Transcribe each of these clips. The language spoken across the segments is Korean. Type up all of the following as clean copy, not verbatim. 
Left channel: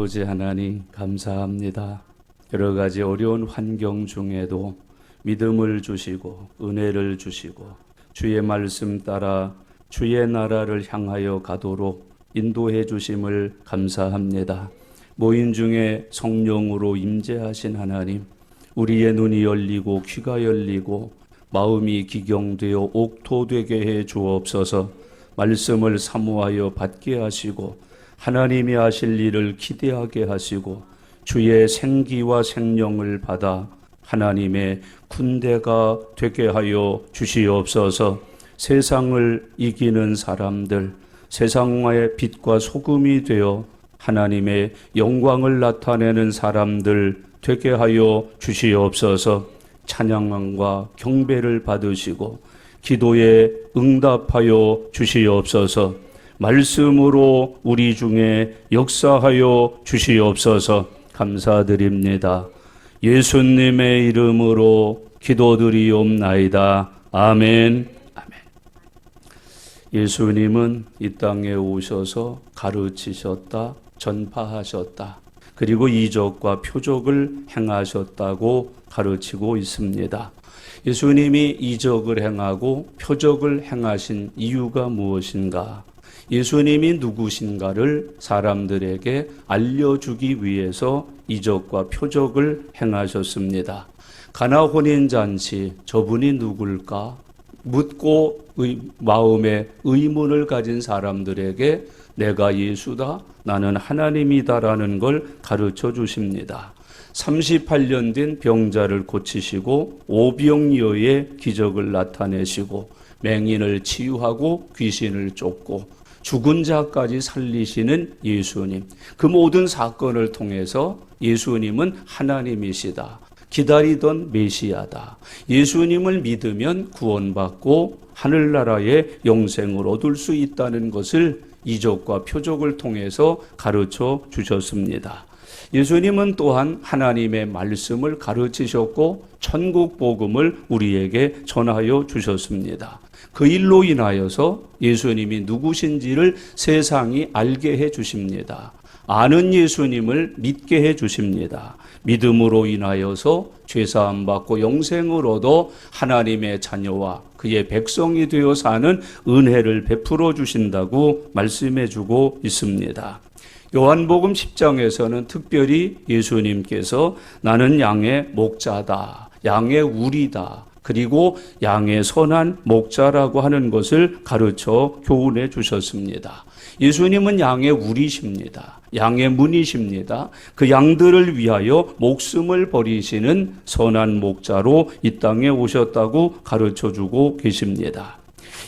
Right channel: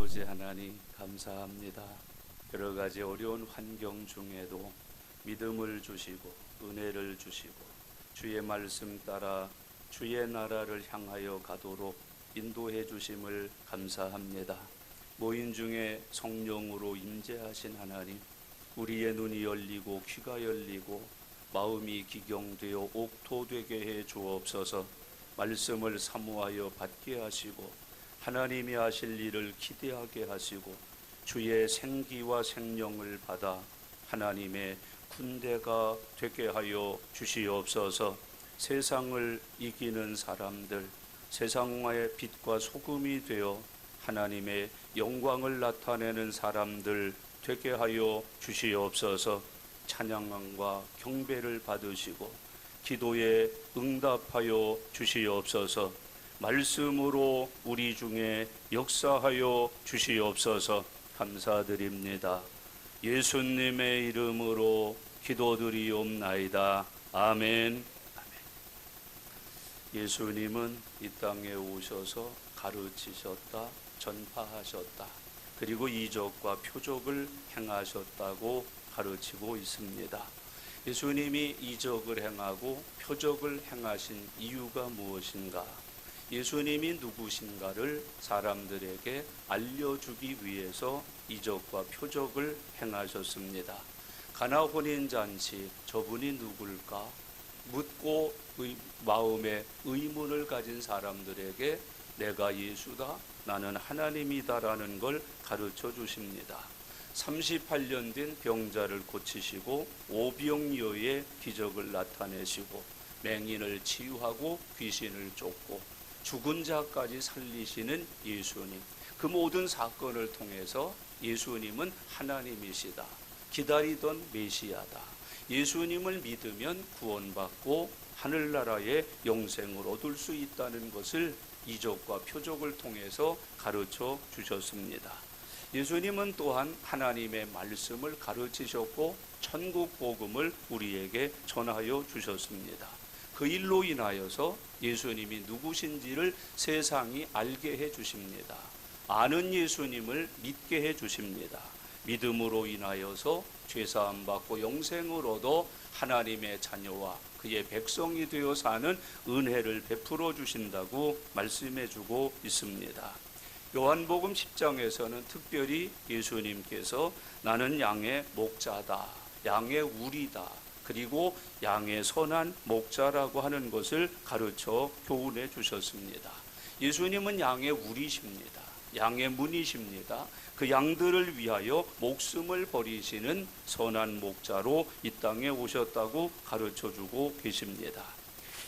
아버지 하나님 감사합니다. 여러 가지 어려운 환경 중에도 믿음을 주시고 은혜를 주시고 주의 말씀 따라 주의 나라를 향하여 가도록 인도해 주심을 감사합니다. 모인 중에 성령으로 임재하신 하나님, 우리의 눈이 열리고 귀가 열리고 마음이 기경되어 옥토되게 해 주옵소서. 말씀을 사모하여 받게 하시고 하나님이 하실 일을 기대하게 하시고 주의 생기와 생명을 받아 하나님의 군대가 되게 하여 주시옵소서. 세상을 이기는 사람들, 세상의 빛과 소금이 되어 하나님의 영광을 나타내는 사람들 되게 하여 주시옵소서. 찬양과 경배를 받으시고 기도에 응답하여 주시옵소서. 말씀으로 우리 중에 역사하여 주시옵소서. 감사드립니다. 예수님의 이름으로 기도드리옵나이다. 아멘. 아멘. 예수님은 이 땅에 오셔서 가르치셨다, 전파하셨다. 그리고 이적과 표적을 행하셨다고 가르치고 있습니다. 예수님이 이적을 행하고 표적을 행하신 이유가 무엇인가? 예수님이 누구신가를 사람들에게 알려주기 위해서 이적과 표적을 행하셨습니다. 가나 혼인잔치, 저분이 누굴까? 묻고 마음에 의문을 가진 사람들에게 내가 예수다, 나는 하나님이다라는 걸 가르쳐 주십니다. 38년 된 병자를 고치시고 오병이어의 기적을 나타내시고 맹인을 치유하고 귀신을 쫓고 죽은 자까지 살리시는 예수님, 그 모든 사건을 통해서 예수님은 하나님이시다, 기다리던 메시아다, 예수님을 믿으면 구원받고 하늘나라의 영생을 얻을 수 있다는 것을 이적과 표적을 통해서 가르쳐 주셨습니다. 예수님은 또한 하나님의 말씀을 가르치셨고 천국 복음을 우리에게 전하여 주셨습니다. 그 일로 인하여서 예수님이 누구신지를 세상이 알게 해 주십니다. 아는 예수님을 믿게 해 주십니다. 믿음으로 인하여서 죄사함 받고 영생을 얻어 하나님의 자녀와 그의 백성이 되어 사는 은혜를 베풀어 주신다고 말씀해 주고 있습니다. 요한복음 10장에서는 특별히 예수님께서 나는 양의 목자다, 양의 우리다, 그리고 양의 선한 목자라고 하는 것을 가르쳐 교훈해 주셨습니다. 예수님은 양의 우리십니다. 양의 문이십니다. 그 양들을 위하여 목숨을 버리시는 선한 목자로 이 땅에 오셨다고 가르쳐 주고 계십니다.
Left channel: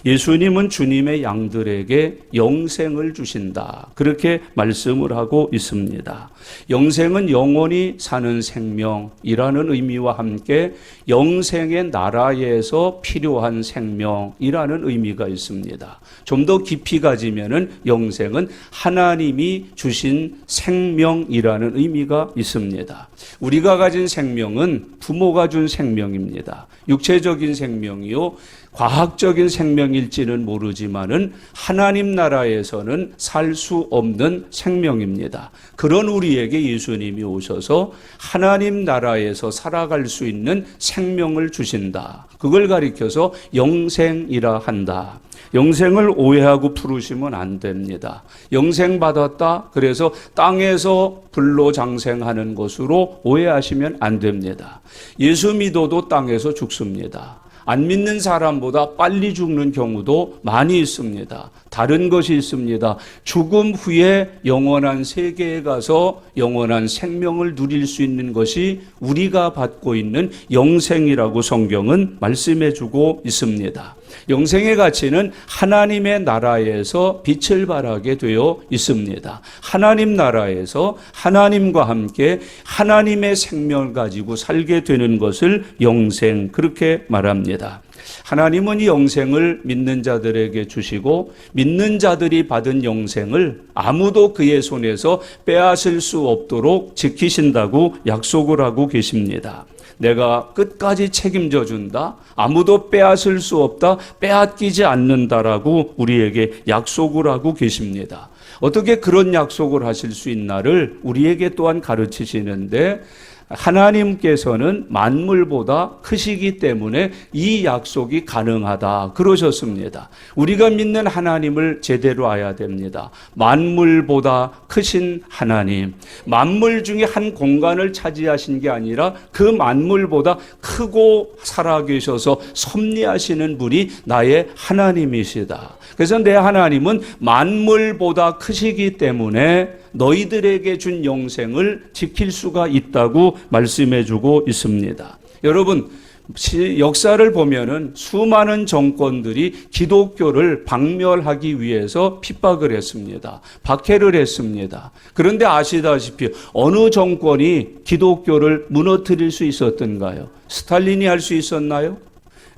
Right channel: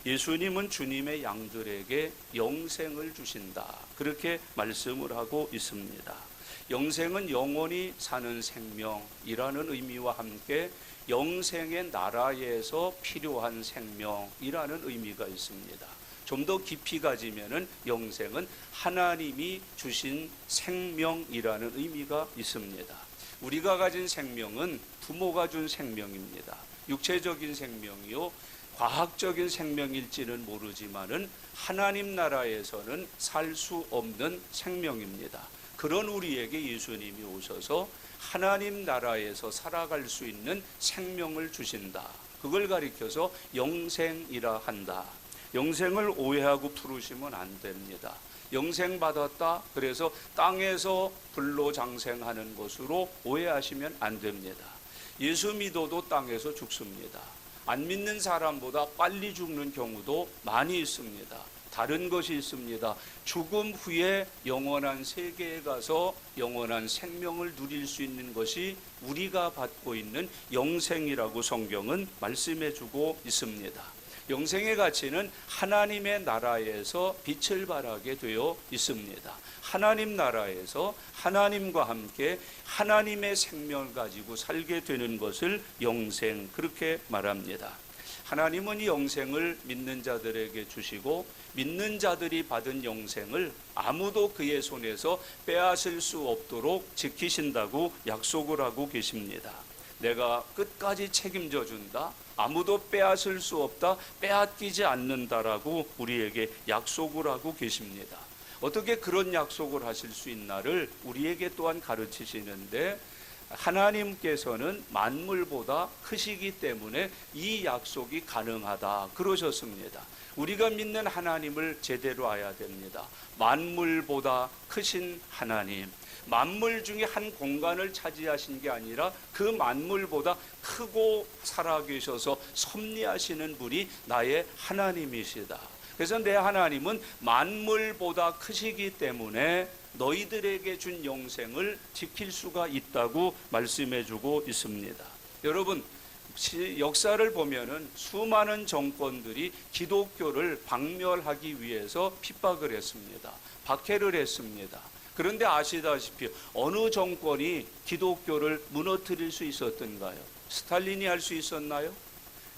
예수님은 주님의 양들에게 영생을 주신다, 그렇게 말씀을 하고 있습니다. 영생은 영원히 사는 생명이라는 의미와 함께 영생의 나라에서 필요한 생명이라는 의미가 있습니다. 좀 더 깊이 가지면은 영생은 하나님이 주신 생명이라는 의미가 있습니다. 우리가 가진 생명은 부모가 준 생명입니다. 육체적인 생명이요, 과학적인 생명일지는 모르지만은 하나님 나라에서는 살 수 없는 생명입니다. 그런 우리에게 예수님이 오셔서 하나님 나라에서 살아갈 수 있는 생명을 주신다. 그걸 가리켜서 영생이라 한다. 영생을 오해하고 부르시면 안 됩니다. 영생 받았다, 그래서 땅에서 불로 장생하는 것으로 오해하시면 안 됩니다. 예수 믿어도 땅에서 죽습니다. 안 믿는 사람보다 빨리 죽는 경우도 많이 있습니다. 다른 것이 있습니다. 죽음 후에 영원한 세계에 가서 영원한 생명을 누릴 수 있는 것이 우리가 받고 있는 영생이라고 성경은 말씀해 주고 있습니다. 영생의 가치는 하나님의 나라에서 빛을 발하게 되어 있습니다. 하나님 나라에서 하나님과 함께 하나님의 생명을 가지고 살게 되는 것을 영생, 그렇게 말합니다. 하나님은 이 영생을 믿는 자들에게 주시고 믿는 자들이 받은 영생을 아무도 그의 손에서 빼앗을 수 없도록 지키신다고 약속을 하고 계십니다. 내가 끝까지 책임져 준다, 아무도 빼앗을 수 없다, 빼앗기지 않는다라고 우리에게 약속을 하고 계십니다. 어떻게 그런 약속을 하실 수 있나를 우리에게 또한 가르치시는데, 하나님께서는 만물보다 크시기 때문에 이 약속이 가능하다 그러셨습니다. 우리가 믿는 하나님을 제대로 알아야 됩니다. 만물보다 크신 하나님, 만물 중에 한 공간을 차지하신 게 아니라 그 만물보다 크고 살아계셔서 섭리하시는 분이 나의 하나님이시다. 그래서 내 하나님은 만물보다 크시기 때문에 너희들에게 준 영생을 지킬 수가 있다고 말씀해 주고 있습니다. 여러분, 역사를 보면은 수많은 정권들이 기독교를 박멸하기 위해서 핍박을 했습니다. 박해를 했습니다. 그런데 아시다시피 어느 정권이 기독교를 무너뜨릴 수 있었던가요? 스탈린이 할 수 있었나요?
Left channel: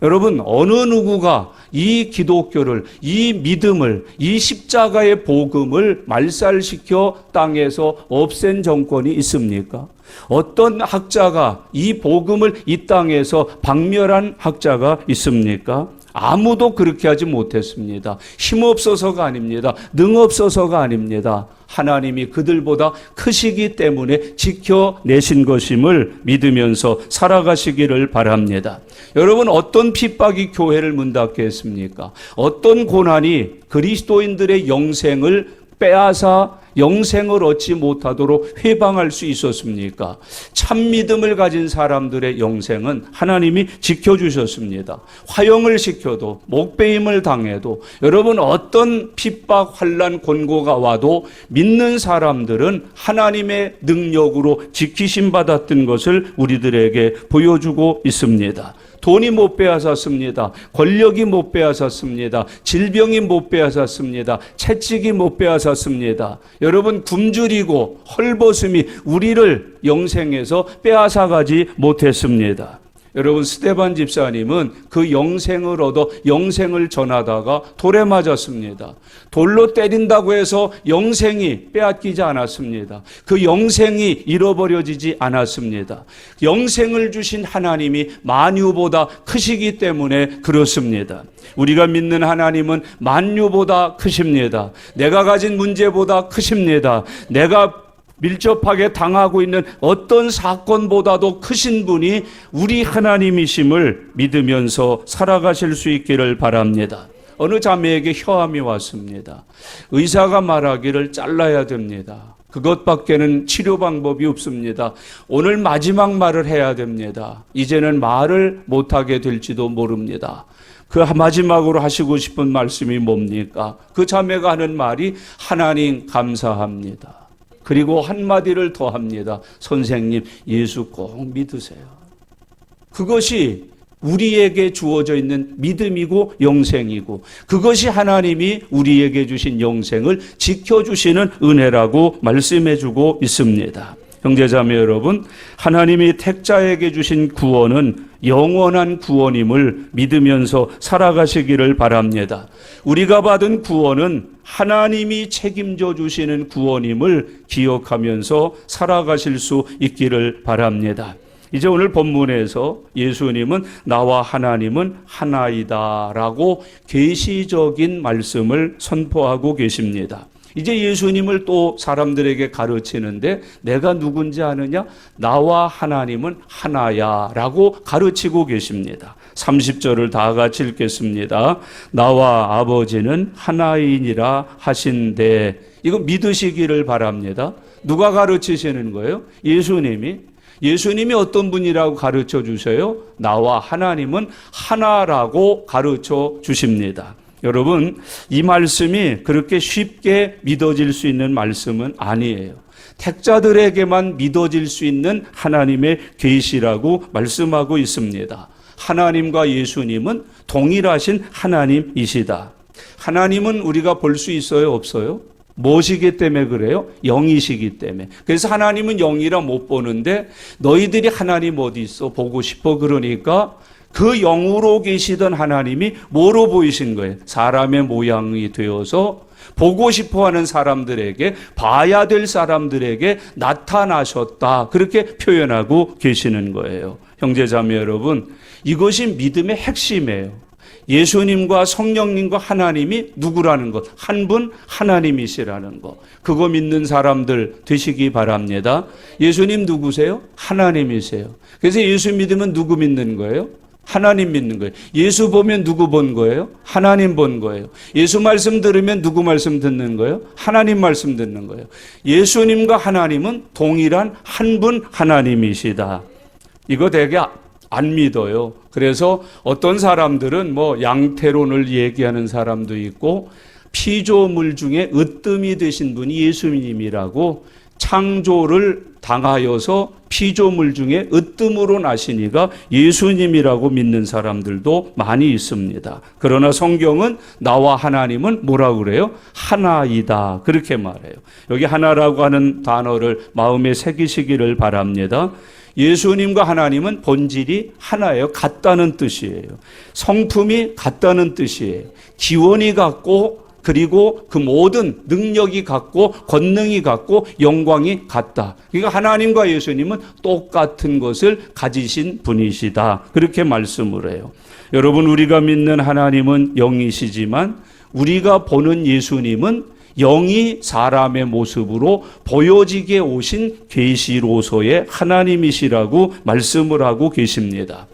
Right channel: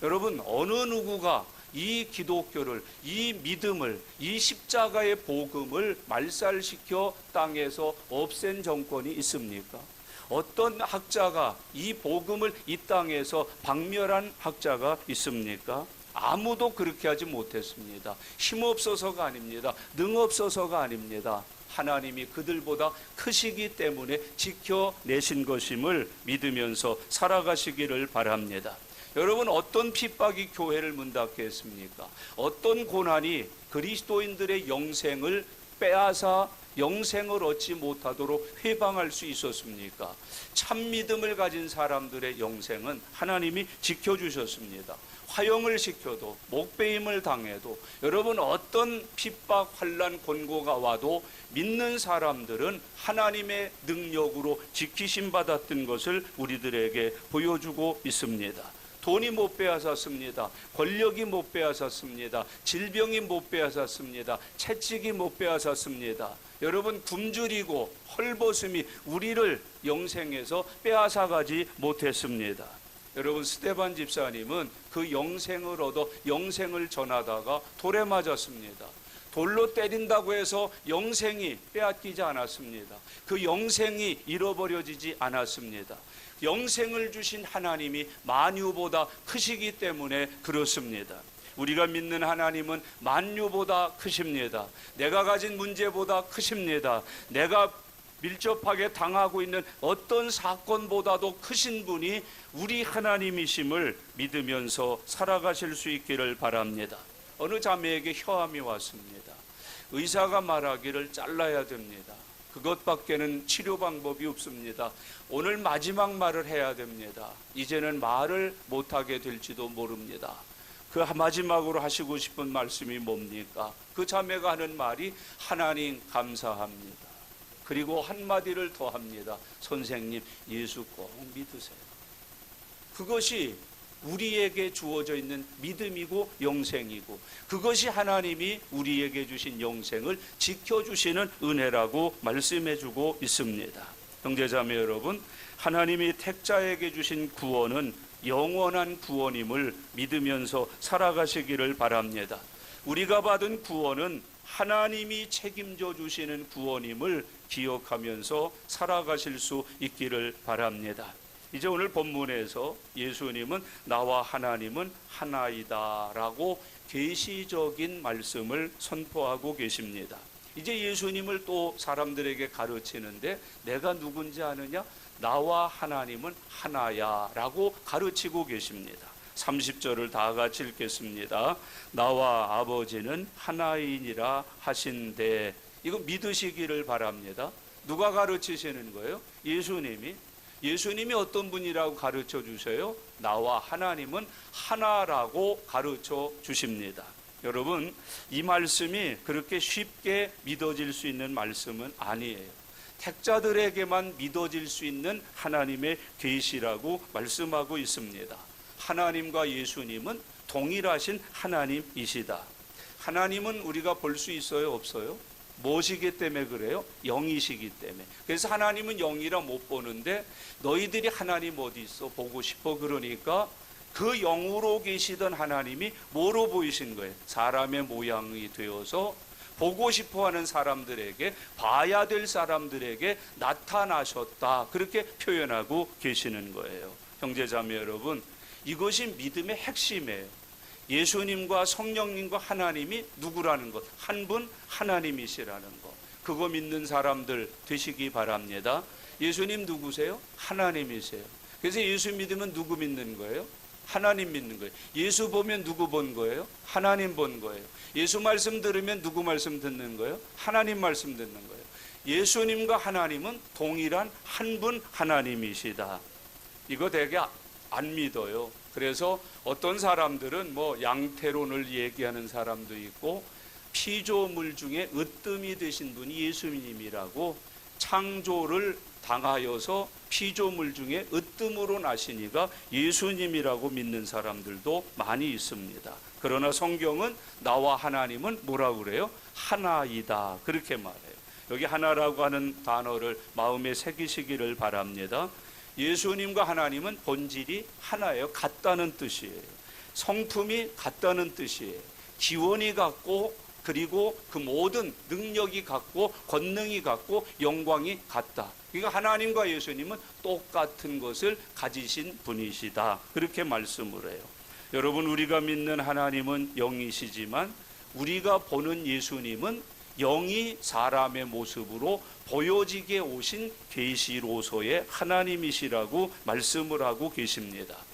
여러분, 어느 누구가 이 기독교를, 이 믿음을, 이 십자가의 복음을 말살시켜 땅에서 없앤 정권이 있습니까? 어떤 학자가 이 복음을 이 땅에서 박멸한 학자가 있습니까? 아무도 그렇게 하지 못했습니다. 힘없어서가 아닙니다. 능없어서가 아닙니다. 하나님이 그들보다 크시기 때문에 지켜내신 것임을 믿으면서 살아가시기를 바랍니다. 여러분, 어떤 핍박이 교회를 문닫게 했습니까? 어떤 고난이 그리스도인들의 영생을 빼앗아 영생을 얻지 못하도록 회방할 수 있었습니까? 참 믿음을 가진 사람들의 영생은 하나님이 지켜주셨습니다. 화형을 시켜도, 목배임을 당해도, 여러분 어떤 핍박, 환난, 곤고가 와도 믿는 사람들은 하나님의 능력으로 지키심 받았던 것을 우리들에게 보여주고 있습니다. 돈이 못 빼앗았습니다. 권력이 못 빼앗았습니다. 질병이 못 빼앗았습니다. 채찍이 못 빼앗았습니다. 여러분, 굶주리고 헐벗음이 우리를 영생에서 빼앗아가지 못했습니다. 여러분, 스데반 집사님은 그 영생을 얻어 영생을 전하다가 돌에 맞았습니다. 돌로 때린다고 해서 영생이 빼앗기지 않았습니다. 그 영생이 잃어버려지지 않았습니다. 영생을 주신 하나님이 만유보다 크시기 때문에 그렇습니다. 우리가 믿는 하나님은 만유보다 크십니다. 내가 가진 문제보다 크십니다. 내가 밀접하게 당하고 있는 어떤 사건보다도 크신 분이 우리 하나님이심을 믿으면서 살아가실 수 있기를 바랍니다. 어느 자매에게 혀암이 왔습니다. 의사가 말하기를 잘라야 됩니다. 그것밖에는 치료 방법이 없습니다. 오늘 마지막 말을 해야 됩니다. 이제는 말을 못하게 될지도 모릅니다. 그 마지막으로 하시고 싶은 말씀이 뭡니까? 그 자매가 하는 말이 하나님 감사합니다. 그리고 한마디를 더 합니다. 선생님, 예수 꼭 믿으세요. 그것이 우리에게 주어져 있는 믿음이고 영생이고, 그것이 하나님이 우리에게 주신 영생을 지켜주시는 은혜라고 말씀해주고 있습니다. 형제자매 여러분, 하나님이 택자에게 주신 구원은 영원한 구원임을 믿으면서 살아가시기를 바랍니다. 우리가 받은 구원은 하나님이 책임져 주시는 구원임을 기억하면서 살아가실 수 있기를 바랍니다. 이제 오늘 본문에서 예수님은 나와 하나님은 하나이다라고 계시적인 말씀을 선포하고 계십니다. 이제 예수님을 또 사람들에게 가르치는데 내가 누군지 아느냐? 나와 하나님은 하나야라고 가르치고 계십니다. 30절을 다 같이 읽겠습니다. 나와 아버지는 하나이니라 하신대. 이거 믿으시기를 바랍니다. 누가 가르치시는 거예요? 예수님이 어떤 분이라고 가르쳐 주셔요? 나와 하나님은 하나라고 가르쳐 주십니다. 여러분, 이 말씀이 그렇게 쉽게 믿어질 수 있는 말씀은 아니에요. 택자들에게만 믿어질 수 있는 하나님의 계시라고 말씀하고 있습니다. 하나님과 예수님은 동일하신 하나님이시다. 하나님은 우리가 볼 수 있어요, 없어요? 무엇이기 때문에 그래요? 영이시기 때문에. 그래서 하나님은 영이라 못 보는데 너희들이 하나님 어디 있어? 보고 싶어. 그러니까 그 영으로 계시던 하나님이 뭐로 보이신 거예요? 사람의 모양이 되어서 보고 싶어하는 사람들에게, 봐야 될 사람들에게 나타나셨다. 그렇게 표현하고 계시는 거예요. 형제자매 여러분, 이것이 믿음의 핵심이에요. 예수님과 성령님과 하나님이 누구라는 것, 한 분 하나님이시라는 것, 그거 믿는 사람들 되시기 바랍니다. 예수님 누구세요? 하나님이세요. 그래서 예수 믿으면 누구 믿는 거예요? 하나님 믿는 거예요. 예수 보면 누구 본 거예요? 하나님 본 거예요. 예수 말씀 들으면 누구 말씀 듣는 거예요? 하나님 말씀 듣는 거예요. 예수님과 하나님은 동일한 한 분 하나님이시다. 이거 되게 안 믿어요. 그래서 어떤 사람들은 뭐 양태론을 얘기하는 사람도 있고, 피조물 중에 으뜸이 되신 분이 예수님이라고, 창조를 당하여서 피조물 중에 으뜸으로 나시니가 예수님이라고 믿는 사람들도 많이 있습니다. 그러나 성경은 나와 하나님은 뭐라고 그래요? 하나이다, 그렇게 말해요. 여기 하나라고 하는 단어를 마음에 새기시기를 바랍니다. 예수님과 하나님은 본질이 하나예요. 같다는 뜻이에요. 성품이 같다는 뜻이에요. 기원이 같고, 그리고 그 모든 능력이 같고, 권능이 같고, 영광이 같다. 그러니까 하나님과 예수님은 똑같은 것을 가지신 분이시다, 그렇게 말씀을 해요. 여러분, 우리가 믿는 하나님은 영이시지만 우리가 보는 예수님은 영이 사람의 모습으로 보여지게 오신 계시로서의 하나님이시라고 말씀을 하고 계십니다.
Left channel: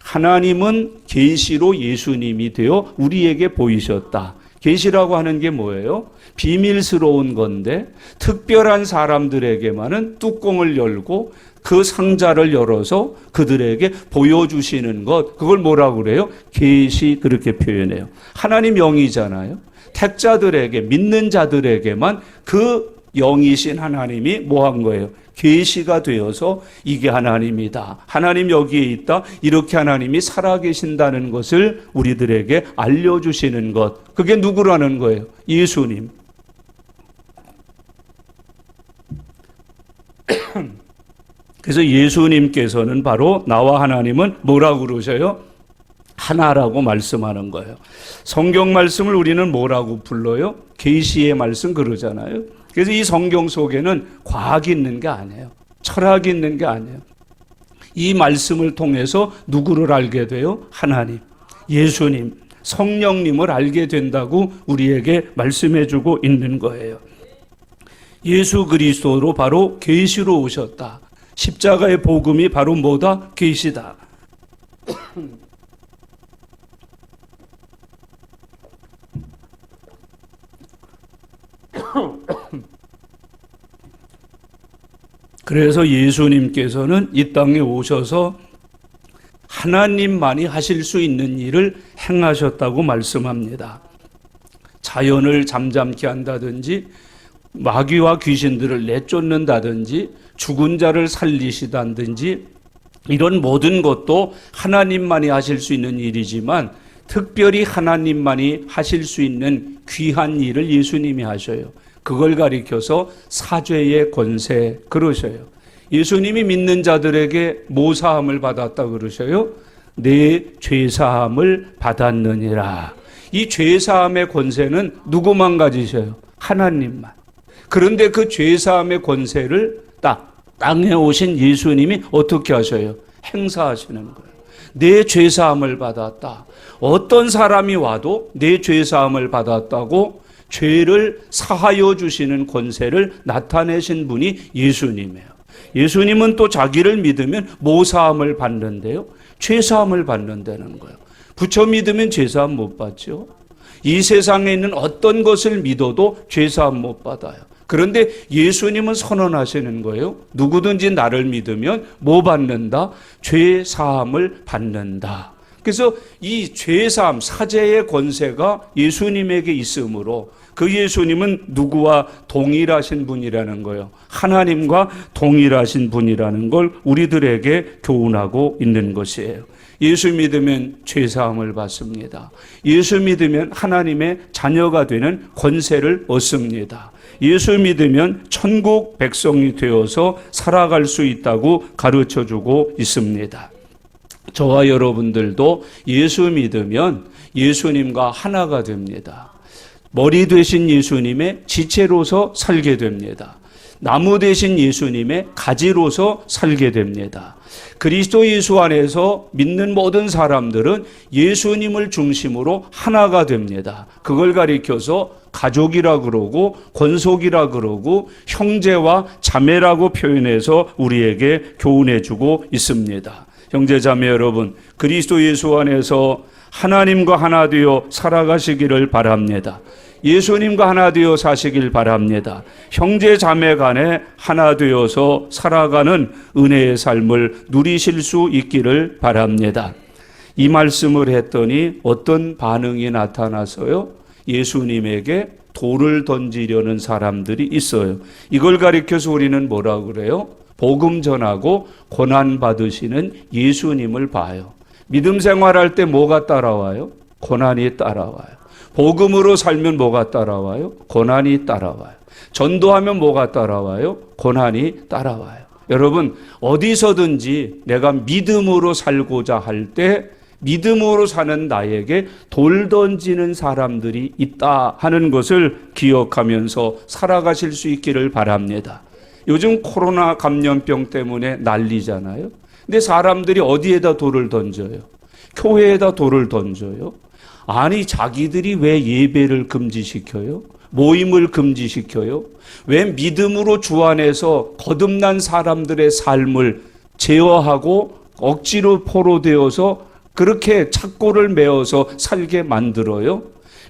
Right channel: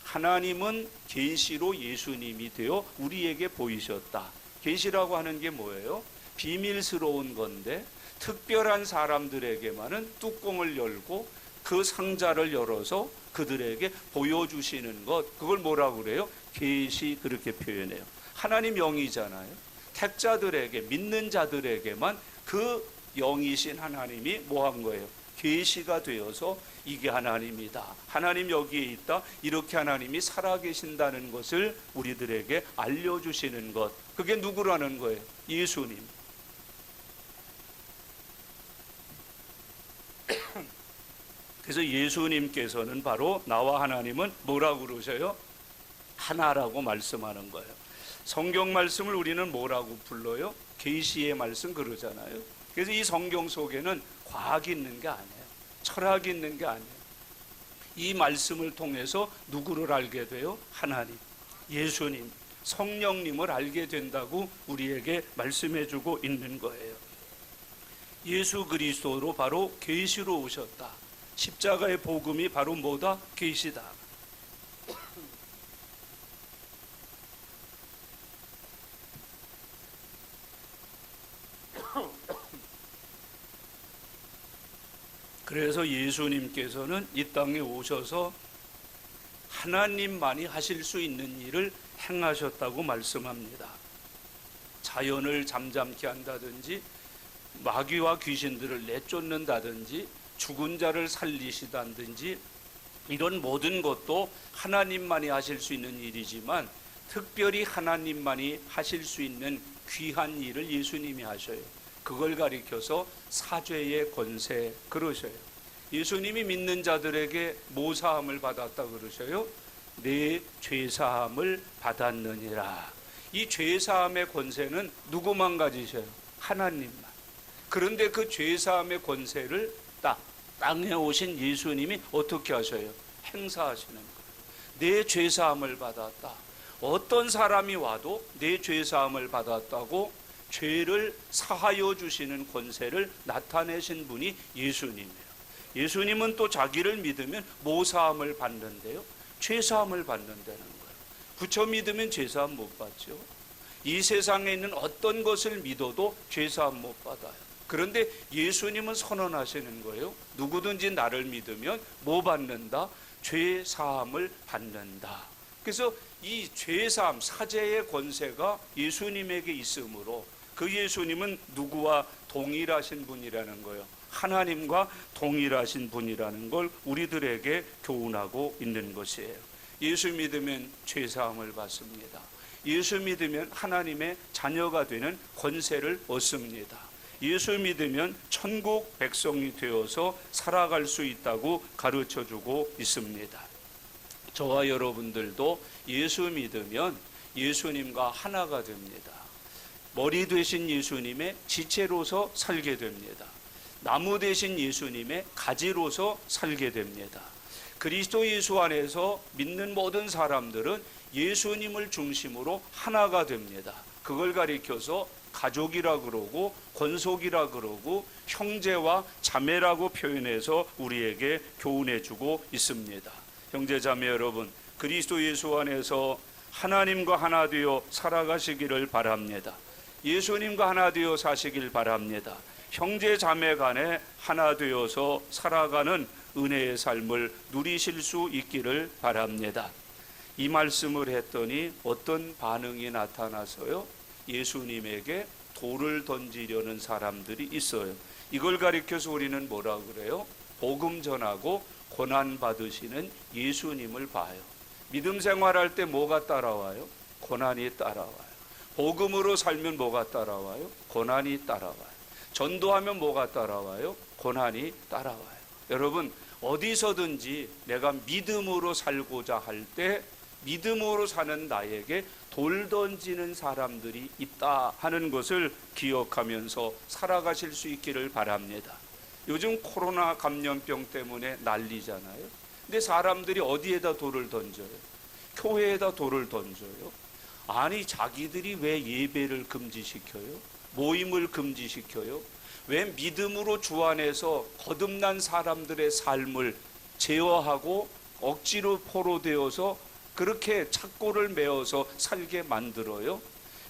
하나님은 계시로 예수님이 되어 우리에게 보이셨다. 계시라고 하는 게 뭐예요? 비밀스러운 건데 특별한 사람들에게만은 뚜껑을 열고 그 상자를 열어서 그들에게 보여주시는 것, 그걸 뭐라고 그래요? 계시, 그렇게 표현해요. 하나님 영이잖아요. 택자들에게, 믿는 자들에게만 그 영이신 하나님이 뭐 한 거예요? 계시가 되어서 이게 하나님이다, 하나님 여기에 있다, 이렇게 하나님이 살아계신다는 것을 우리들에게 알려주시는 것, 그게 누구라는 거예요? 예수님. 그래서 예수님께서는 바로 나와 하나님은 뭐라고 그러셔요? 하나라고 말씀하는 거예요. 성경 말씀을 우리는 뭐라고 불러요? 계시의 말씀 그러잖아요. 그래서 이 성경 속에는 과학이 있는 게 아니에요. 철학이 있는 게 아니에요. 이 말씀을 통해서 누구를 알게 돼요? 하나님, 예수님, 성령님을 알게 된다고 우리에게 말씀해 주고 있는 거예요. 예수 그리스도로 바로 계시로 오셨다. 십자가의 복음이 바로 뭐다? 계시다. 그래서 예수님께서는 이 땅에 오셔서 하나님만이 하실 수 있는 일을 행하셨다고 말씀합니다. 자연을 잠잠케 한다든지, 마귀와 귀신들을 내쫓는다든지, 죽은 자를 살리시다든지, 이런 모든 것도 하나님만이 하실 수 있는 일이지만 특별히 하나님만이 하실 수 있는 귀한 일을 예수님이 하셔요. 그걸 가리켜서 사죄의 권세 그러셔요. 예수님이 믿는 자들에게 뭐 사함을 받았다 그러셔요? 내 죄사함을 받았느니라. 이 죄사함의 권세는 누구만 가지셔요? 하나님만. 그런데 그 죄사함의 권세를 땅에 오신 예수님이 어떻게 하셔요? 행사하시는 거예요. 내 죄사함을 받았다. 어떤 사람이 와도 내 죄사함을 받았다고 죄를 사하여 주시는 권세를 나타내신 분이 예수님이에요. 예수님은 또 자기를 믿으면 뭐 사함을 받는데요? 죄사함을 받는다는 거예요. 부처 믿으면 죄사함 못 받죠. 이 세상에 있는 어떤 것을 믿어도 죄사함 못 받아요. 그런데 예수님은 선언하시는 거예요. 누구든지 나를 믿으면 뭐 받는다? 죄사함을 받는다. 그래서 이 죄사함, 사죄의 권세가 예수님에게 있으므로 그 예수님은 누구와 동일하신 분이라는 거예요. 하나님과 동일하신 분이라는 걸 우리들에게 교훈하고 있는 것이에요. 예수 믿으면 죄사함을 받습니다. 예수 믿으면 하나님의 자녀가 되는 권세를 얻습니다. 예수 믿으면 천국 백성이 되어서 살아갈 수 있다고 가르쳐주고 있습니다. 저와 여러분들도 예수 믿으면 예수님과 하나가 됩니다. 머리 되신 예수님의 지체로서 살게 됩니다. 나무 대신 예수님의 가지로서 살게 됩니다. 그리스도 예수 안에서 믿는 모든 사람들은 예수님을 중심으로 하나가 됩니다. 그걸 가리켜서 가족이라 그러고 권속이라 그러고 형제와 자매라고 표현해서 우리에게 교훈해 주고 있습니다. 형제 자매 여러분, 그리스도 예수 안에서 하나님과 하나 되어 살아가시기를 바랍니다. 예수님과 하나 되어 사시길 바랍니다. 형제 자매 간에 하나 되어서 살아가는 은혜의 삶을 누리실 수 있기를 바랍니다. 이 말씀을 했더니 어떤 반응이 나타나서요? 예수님에게 돌을 던지려는 사람들이 있어요. 이걸 가리켜서 우리는 뭐라 그래요? 복음 전하고 고난 받으시는 예수님을 봐요. 믿음 생활할 때 뭐가 따라와요? 고난이 따라와요. 복음으로 살면 뭐가 따라와요? 고난이 따라와요. 전도하면 뭐가 따라와요? 고난이 따라와요. 여러분, 어디서든지 내가 믿음으로 살고자 할 때 믿음으로 사는 나에게 돌 던지는 사람들이 있다 하는 것을 기억하면서 살아가실 수 있기를 바랍니다. 요즘 코로나 감염병 때문에 난리잖아요. 근데 사람들이 어디에다 돌을 던져요? 교회에다 돌을 던져요. 아니, 자기들이 왜 예배를 금지시켜요? 모임을 금지시켜요? 왜 믿음으로 주 안에서 거듭난 사람들의 삶을 제어하고 억지로 포로되어서 그렇게 착고를 메어서 살게 만들어요?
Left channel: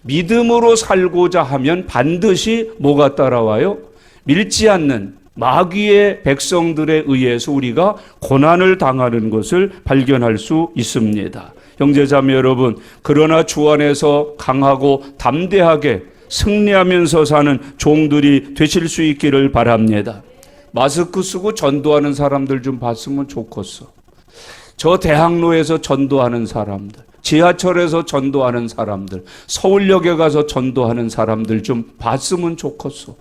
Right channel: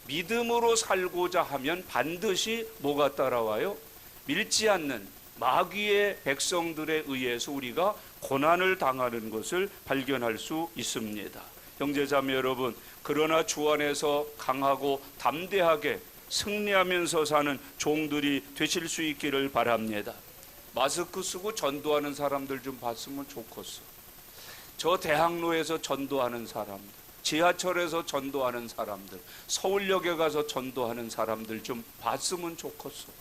믿음으로 살고자 하면 반드시 뭐가 따라와요? 믿지 않는 마귀의 백성들에 의해서 우리가 고난을 당하는 것을 발견할 수 있습니다. 형제자매 여러분, 그러나 주 안에서 강하고 담대하게 승리하면서 사는 종들이 되실 수 있기를 바랍니다. 마스크 쓰고 전도하는 사람들 좀 봤으면 좋겠어. 저 대학로에서 전도하는 사람들, 지하철에서 전도하는 사람들, 서울역에 가서 전도하는 사람들 좀 봤으면 좋겠어.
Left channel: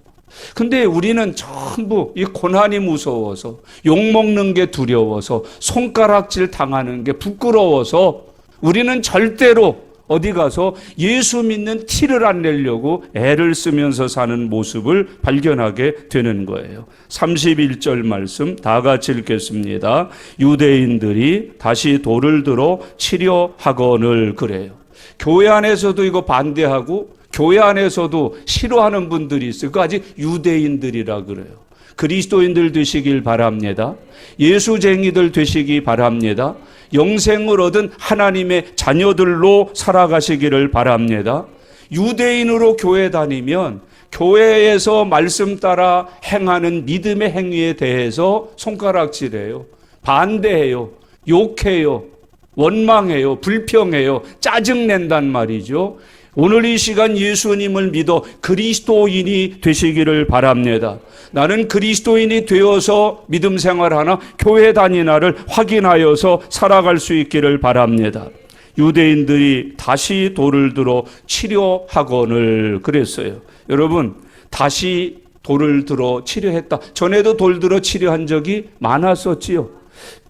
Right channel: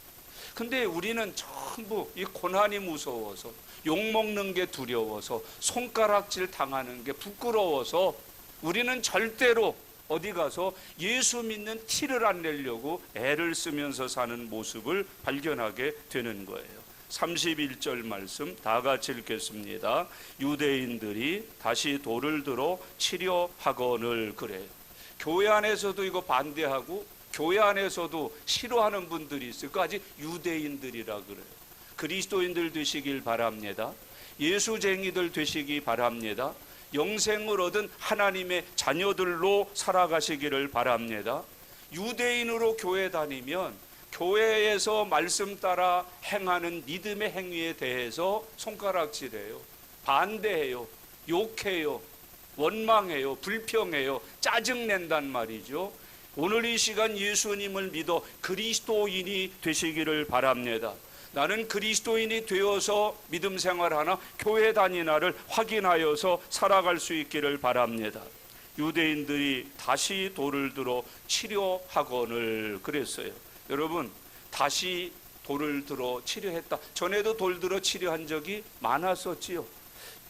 근데 우리는 전부 이 고난이 무서워서, 욕먹는 게 두려워서, 손가락질 당하는 게 부끄러워서 우리는 절대로 어디 가서 예수 믿는 티를 안 내려고 애를 쓰면서 사는 모습을 발견하게 되는 거예요. 31절 말씀 다 같이 읽겠습니다. 유대인들이 다시 돌을 들어 치려 하거늘 그래요. 교회 안에서도 이거 반대하고 교회 안에서도 싫어하는 분들이 있어요. 그거 아직 유대인들이라 그래요. 그리스도인들 되시길 바랍니다. 예수쟁이들 되시기 바랍니다. 영생을 얻은 하나님의 자녀들로 살아가시기를 바랍니다. 유대인으로 교회 다니면 교회에서 말씀 따라 행하는 믿음의 행위에 대해서 손가락질해요. 반대해요. 욕해요. 원망해요. 불평해요. 짜증낸단 말이죠. 오늘 이 시간 예수님을 믿어 그리스도인이 되시기를 바랍니다. 나는 그리스도인이 되어서 믿음 생활하나 교회 다니나를 확인하여서 살아갈 수 있기를 바랍니다. 유대인들이 다시 돌을 들어 치려하거늘 그랬어요. 여러분, 다시 돌을 들어 치려했다. 전에도 돌 들어 치려한 적이 많았었지요.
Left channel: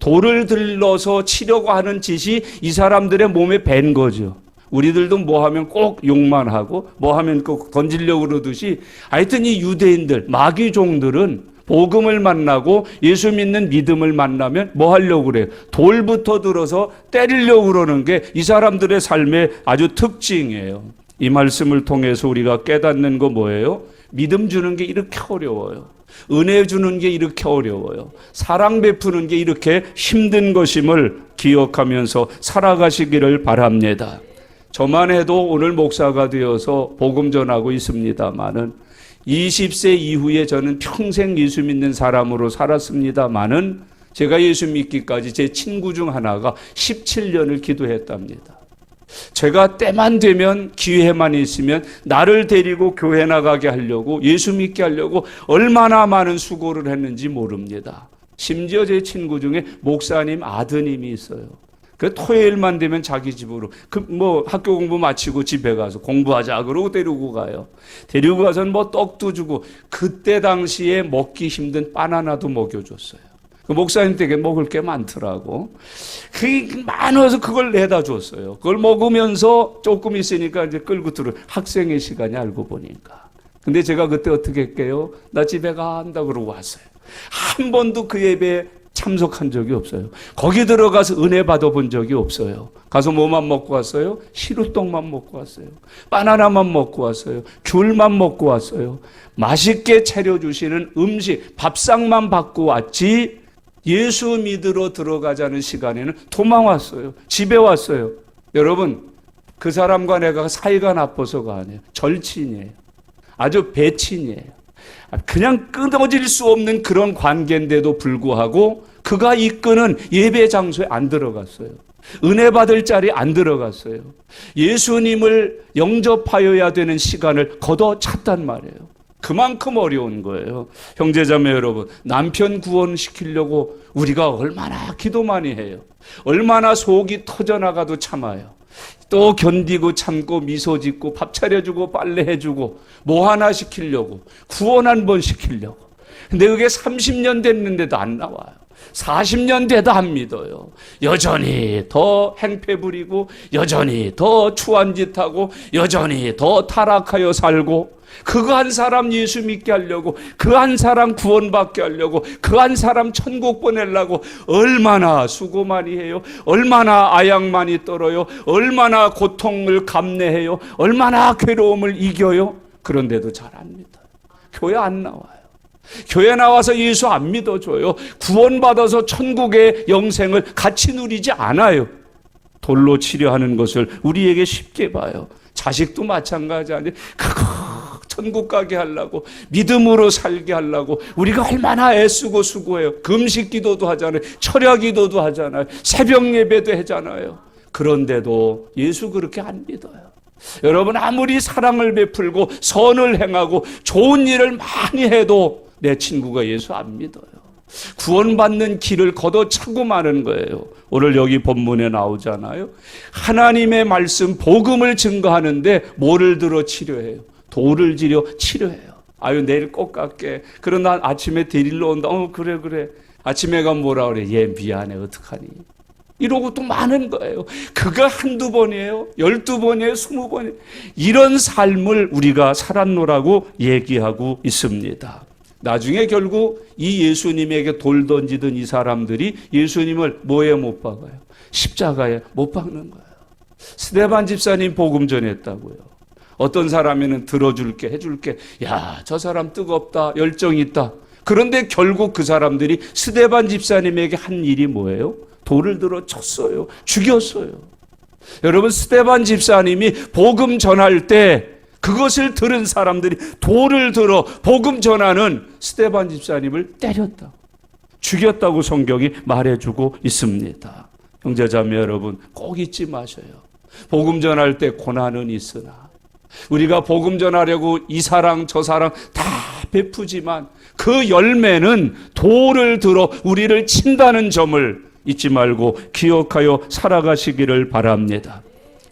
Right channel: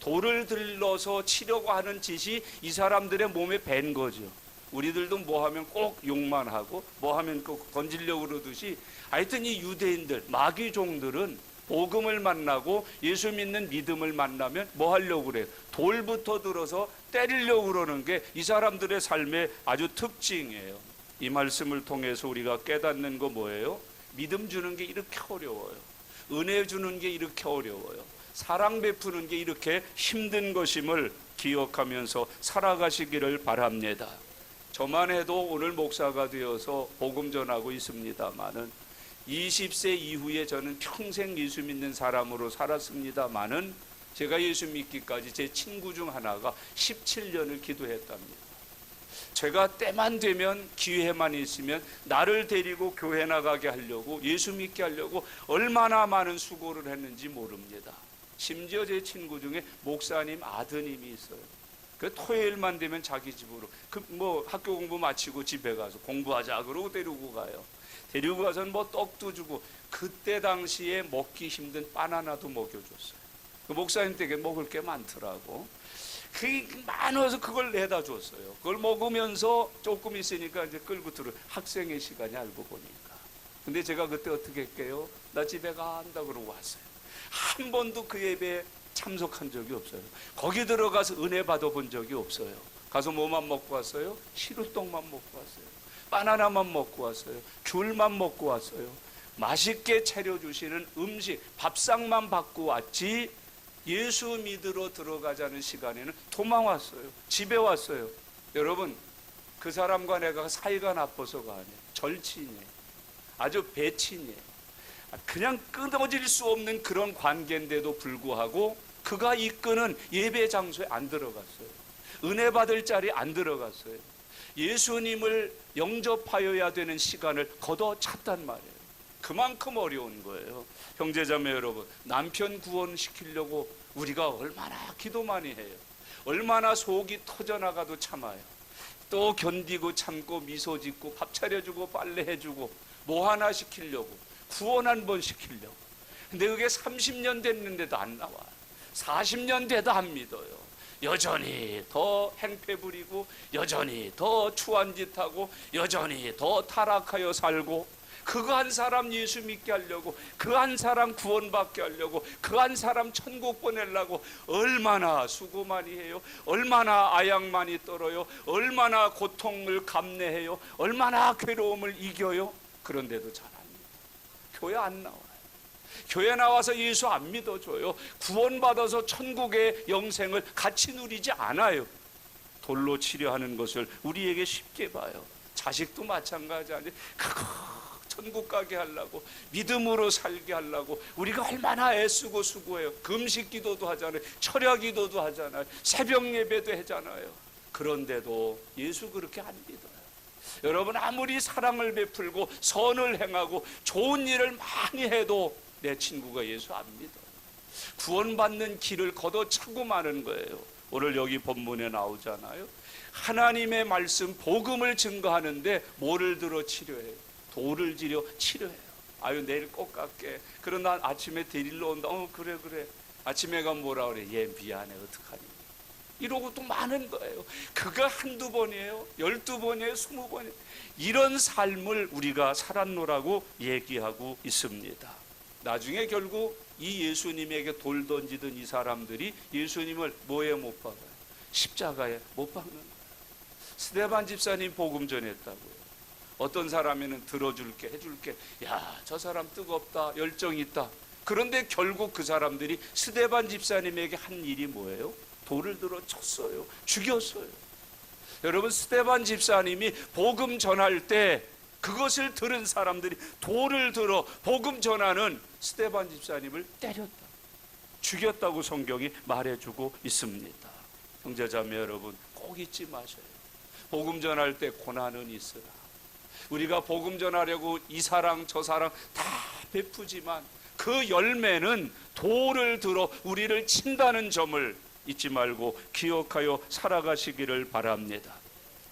돌을 들러서 치려고 하는 짓이 이 사람들의 몸에 밴 거죠. 우리들도 뭐 하면 꼭 욕만 하고 뭐 하면 꼭 던지려고 그러듯이 하여튼 이 유대인들, 마귀종들은 복음을 만나고 예수 믿는 믿음을 만나면 뭐 하려고 그래요? 돌부터 들어서 때리려고 그러는 게 이 사람들의 삶의 아주 특징이에요. 이 말씀을 통해서 우리가 깨닫는 거 뭐예요? 믿음 주는 게 이렇게 어려워요. 은혜 주는 게 이렇게 어려워요. 사랑 베푸는 게 이렇게 힘든 것임을 기억하면서 살아가시기를 바랍니다. 저만 해도 오늘 목사가 되어서 복음 전하고 있습니다마는 20세 이후에 저는 평생 예수 믿는 사람으로 살았습니다마는 제가 예수 믿기까지 제 친구 중 하나가 17년을 기도했답니다. 제가 때만 되면 기회만 있으면 나를 데리고 교회 나가게 하려고 예수 믿게 하려고 얼마나 많은 수고를 했는지 모릅니다. 심지어 제 친구 중에 목사님 아드님이 있어요. 그 토요일만 되면 자기 집으로 학교 공부 마치고 집에 가서 공부하자 그러고 데리고 가요. 데리고 가서는 떡도 주고 그때 당시에 먹기 힘든 바나나도 먹여줬어요. 그 목사님 댁에 먹을 게 많더라고. 그게 많아서 그걸 내다 줬어요. 그걸 먹으면서 조금 있으니까 이제 끌고 들어 학생의 시간이 알고 보니까. 근데 제가 그때 어떻게 할게요? 나 집에 간다 그러고 왔어요. 한 번도 그 예배에 참석한 적이 없어요. 거기 들어가서 은혜 받아본 적이 없어요. 가서 뭐만 먹고 왔어요? 시루떡만 먹고 왔어요. 바나나만 먹고 왔어요. 귤만 먹고 왔어요. 맛있게 차려주시는 음식, 밥상만 받고 왔지 예수 믿으러 들어가자는 시간에는 도망 왔어요. 집에 왔어요. 여러분, 그 사람과 내가 사이가 나빠서가 아니에요. 절친이에요. 아주 배친이에요. 그냥 끊어질 수 없는 그런 관계인데도 불구하고 그가 이끄는 예배 장소에 안 들어갔어요. 은혜 받을 자리에 안 들어갔어요. 예수님을 영접하여야 되는 시간을 걷어찼단 말이에요. 그만큼 어려운 거예요. 형제자매 여러분, 남편 구원시키려고 우리가 얼마나 기도 많이 해요. 얼마나 속이 터져나가도 참아요. 또 견디고 참고 미소 짓고 밥 차려주고 빨래해주고 뭐 하나 시키려고, 구원 한 번 시키려고. 근데 그게 30년 됐는데도 안 나와요. 40년 돼도 안 믿어요. 여전히 더 행패 부리고 여전히 더 추한 짓 하고 여전히 더 타락하여 살고, 그거 한 사람 예수 믿게 하려고, 그 한 사람 구원받게 하려고, 그 한 사람 천국 보내려고 얼마나 수고 많이 해요. 얼마나 아약 많이 떨어요. 얼마나 고통을 감내해요. 얼마나 괴로움을 이겨요. 그런데도 잘 안 믿어요. 교회 안 나와요. 교회 나와서 예수 안 믿어줘요. 구원받아서 천국의 영생을 같이 누리지 않아요. 돌로 치료하는 것을 우리에게 쉽게 봐요. 자식도 마찬가지 아니에요. 그거 천국 가게 하려고, 믿음으로 살게 하려고 우리가 얼마나 애쓰고 수고해요. 금식 기도도 하잖아요. 철야 기도도 하잖아요. 새벽 예배도 하잖아요. 그런데도 예수 그렇게 안 믿어요. 여러분, 아무리 사랑을 베풀고 선을 행하고 좋은 일을 많이 해도 내 친구가 예수 안 믿어요. 구원받는 길을 걷어차고 마는 거예요. 오늘 여기 본문에 나오잖아요. 하나님의 말씀 복음을 증거하는데 뭐를 들어 치료해요? 돌을 들여 치료해요. 아유, 내일 꼭 갈게. 그러나 아침에 데리러 온다. 그래. 아침에 가면 뭐라 그래? 얘 미안해, 어떡하니? 이러고 또 많은 거예요. 그가 한두 번이에요? 12번이에요? 20번이에요? 이런 삶을 우리가 살았노라고 얘기하고 있습니다. 나중에 결국 이 예수님에게 돌 던지던 이 사람들이 예수님을 뭐에 못 박아요? 십자가에 못 박는 거예요. 스데반 집사님 복음 전했다고요. 어떤 사람에는 들어줄게, 해줄게. 야, 저 사람 뜨겁다, 열정 있다. 그런데 결국 그 사람들이 스데반 집사님에게 한 일이 뭐예요? 돌을 들어 쳤어요. 죽였어요. 여러분, 스데반 집사님이 복음 전할 때 그것을 들은 사람들이 돌을 들어 복음 전하는 스데반 집사님을 때렸다, 죽였다고 성경이 말해주고 있습니다. 형제자매 여러분, 꼭 잊지 마셔요. 복음 전할 때 고난은 있으나 우리가 복음 전하려고 이 사랑 저 사랑 다 베푸지만 그 열매는 돌을 들어 우리를 친다는 점을 잊지 말고 기억하여 살아가시기를 바랍니다.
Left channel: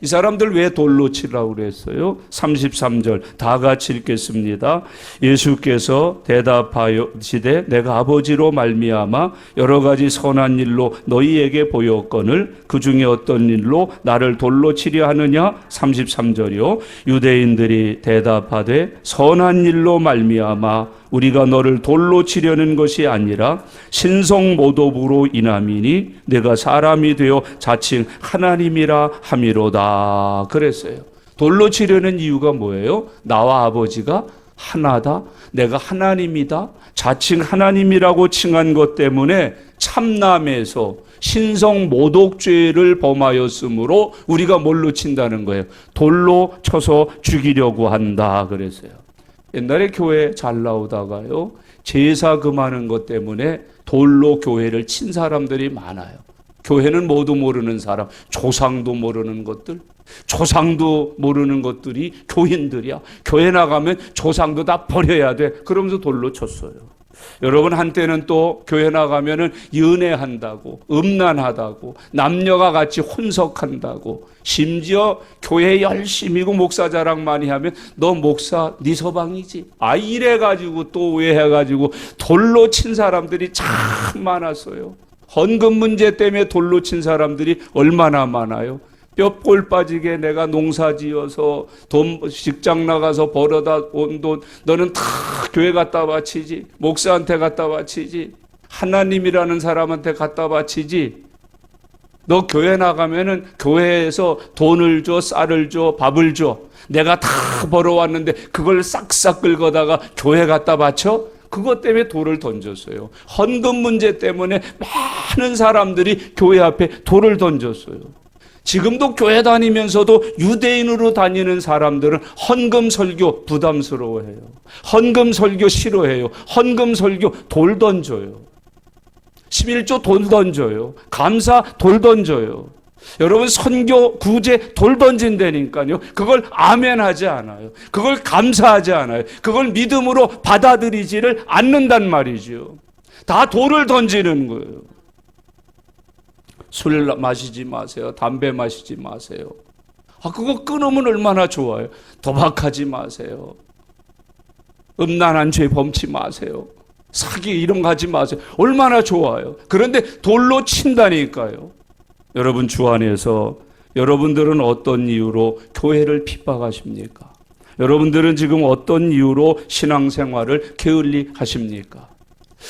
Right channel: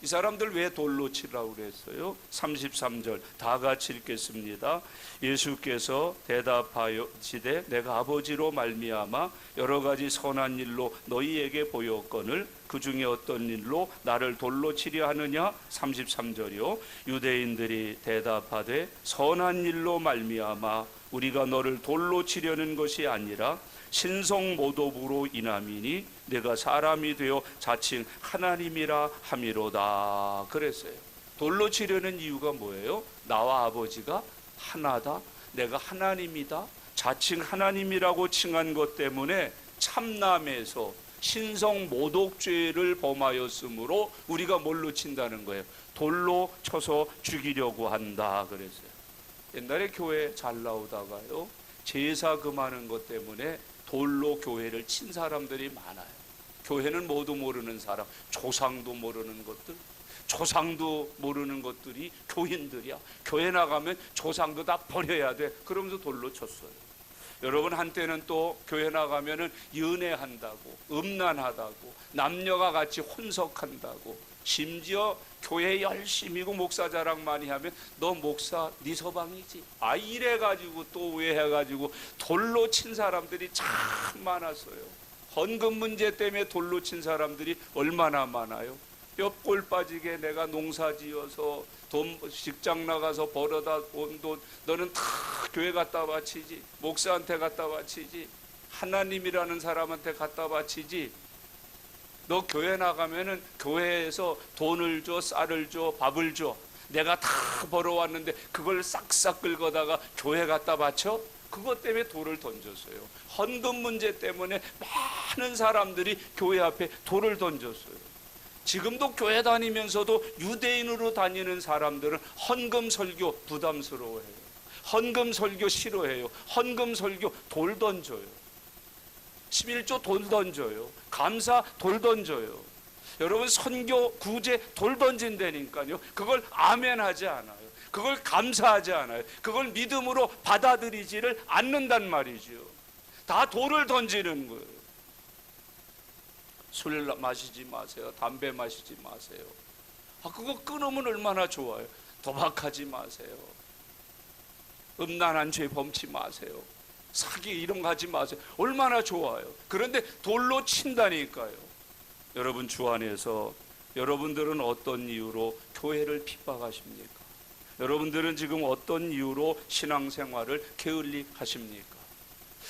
이 사람들 왜 돌로 치라고 그랬어요? 33절 다 같이 읽겠습니다. 예수께서 대답하시되 내가 아버지로 말미암아 여러 가지 선한 일로 너희에게 보였거늘 그 중에 어떤 일로 나를 돌로 치려 하느냐? 33절이요. 유대인들이 대답하되 선한 일로 말미암아 우리가 너를 돌로 치려는 것이 아니라 신성모독으로 인함이니 내가 사람이 되어 자칭 하나님이라 함이로다 그랬어요. 돌로 치려는 이유가 뭐예요? 나와 아버지가 하나다, 내가 하나님이다, 자칭 하나님이라고 칭한 것 때문에 참남에서 신성모독죄를 범하였으므로 우리가 뭘로 친다는 거예요? 돌로 쳐서 죽이려고 한다 그랬어요. 옛날에 교회 잘 나오다가요, 제사 금하는 것 때문에 돌로 교회를 친 사람들이 많아요. 교회는 모두 모르는 사람, 조상도 모르는 것들, 조상도 모르는 것들이 교인들이야. 교회 나가면 조상도 다 버려야 돼. 그러면서 돌로 쳤어요. 여러분, 한때는 또 교회 나가면은 연애한다고, 음란하다고, 남녀가 같이 혼석한다고, 심지어 교회 열심히고 목사 자랑 많이 하면 너 목사 네 서방이지, 이래가지고 또 오해해가지고 돌로 친 사람들이 참 많았어요. 헌금 문제 때문에 돌로 친 사람들이 얼마나 많아요. 뼈골 빠지게 내가 농사 지어서 돈 직장 나가서 벌어다 온 돈 너는 다 교회 갖다 바치지, 목사한테 갖다 바치지, 하나님이라는 사람한테 갖다 바치지. 너 교회 나가면은 교회에서 돈을 줘, 쌀을 줘, 밥을 줘. 내가 다 벌어왔는데 그걸 싹싹 긁어다가 교회 갖다 바쳐? 그것 때문에 돌을 던졌어요. 헌금 문제 때문에 많은 사람들이 교회 앞에 돌을 던졌어요. 지금도 교회 다니면서도 유대인으로 다니는 사람들은 헌금 설교 부담스러워해요. 헌금 설교 싫어해요. 헌금 설교 돌 던져요. 11조 돌 던져요. 감사 돌 던져요. 여러분 선교 구제 돌 던진다니까요. 그걸 아멘하지 않아요. 그걸 감사하지 않아요. 그걸 믿음으로 받아들이지를 않는단 말이죠. 다 돌을 던지는 거예요. 술 마시지 마세요. 담배 마시지 마세요. 그거 끊으면 얼마나 좋아요. 도박하지 마세요. 음란한 죄 범치 마세요. 사기 이런 거 하지 마세요. 얼마나 좋아요. 그런데 돌로 친다니까요. 여러분 주 안에서 여러분들은 어떤 이유로 교회를 핍박하십니까? 여러분들은 지금 어떤 이유로 신앙생활을 게을리 하십니까?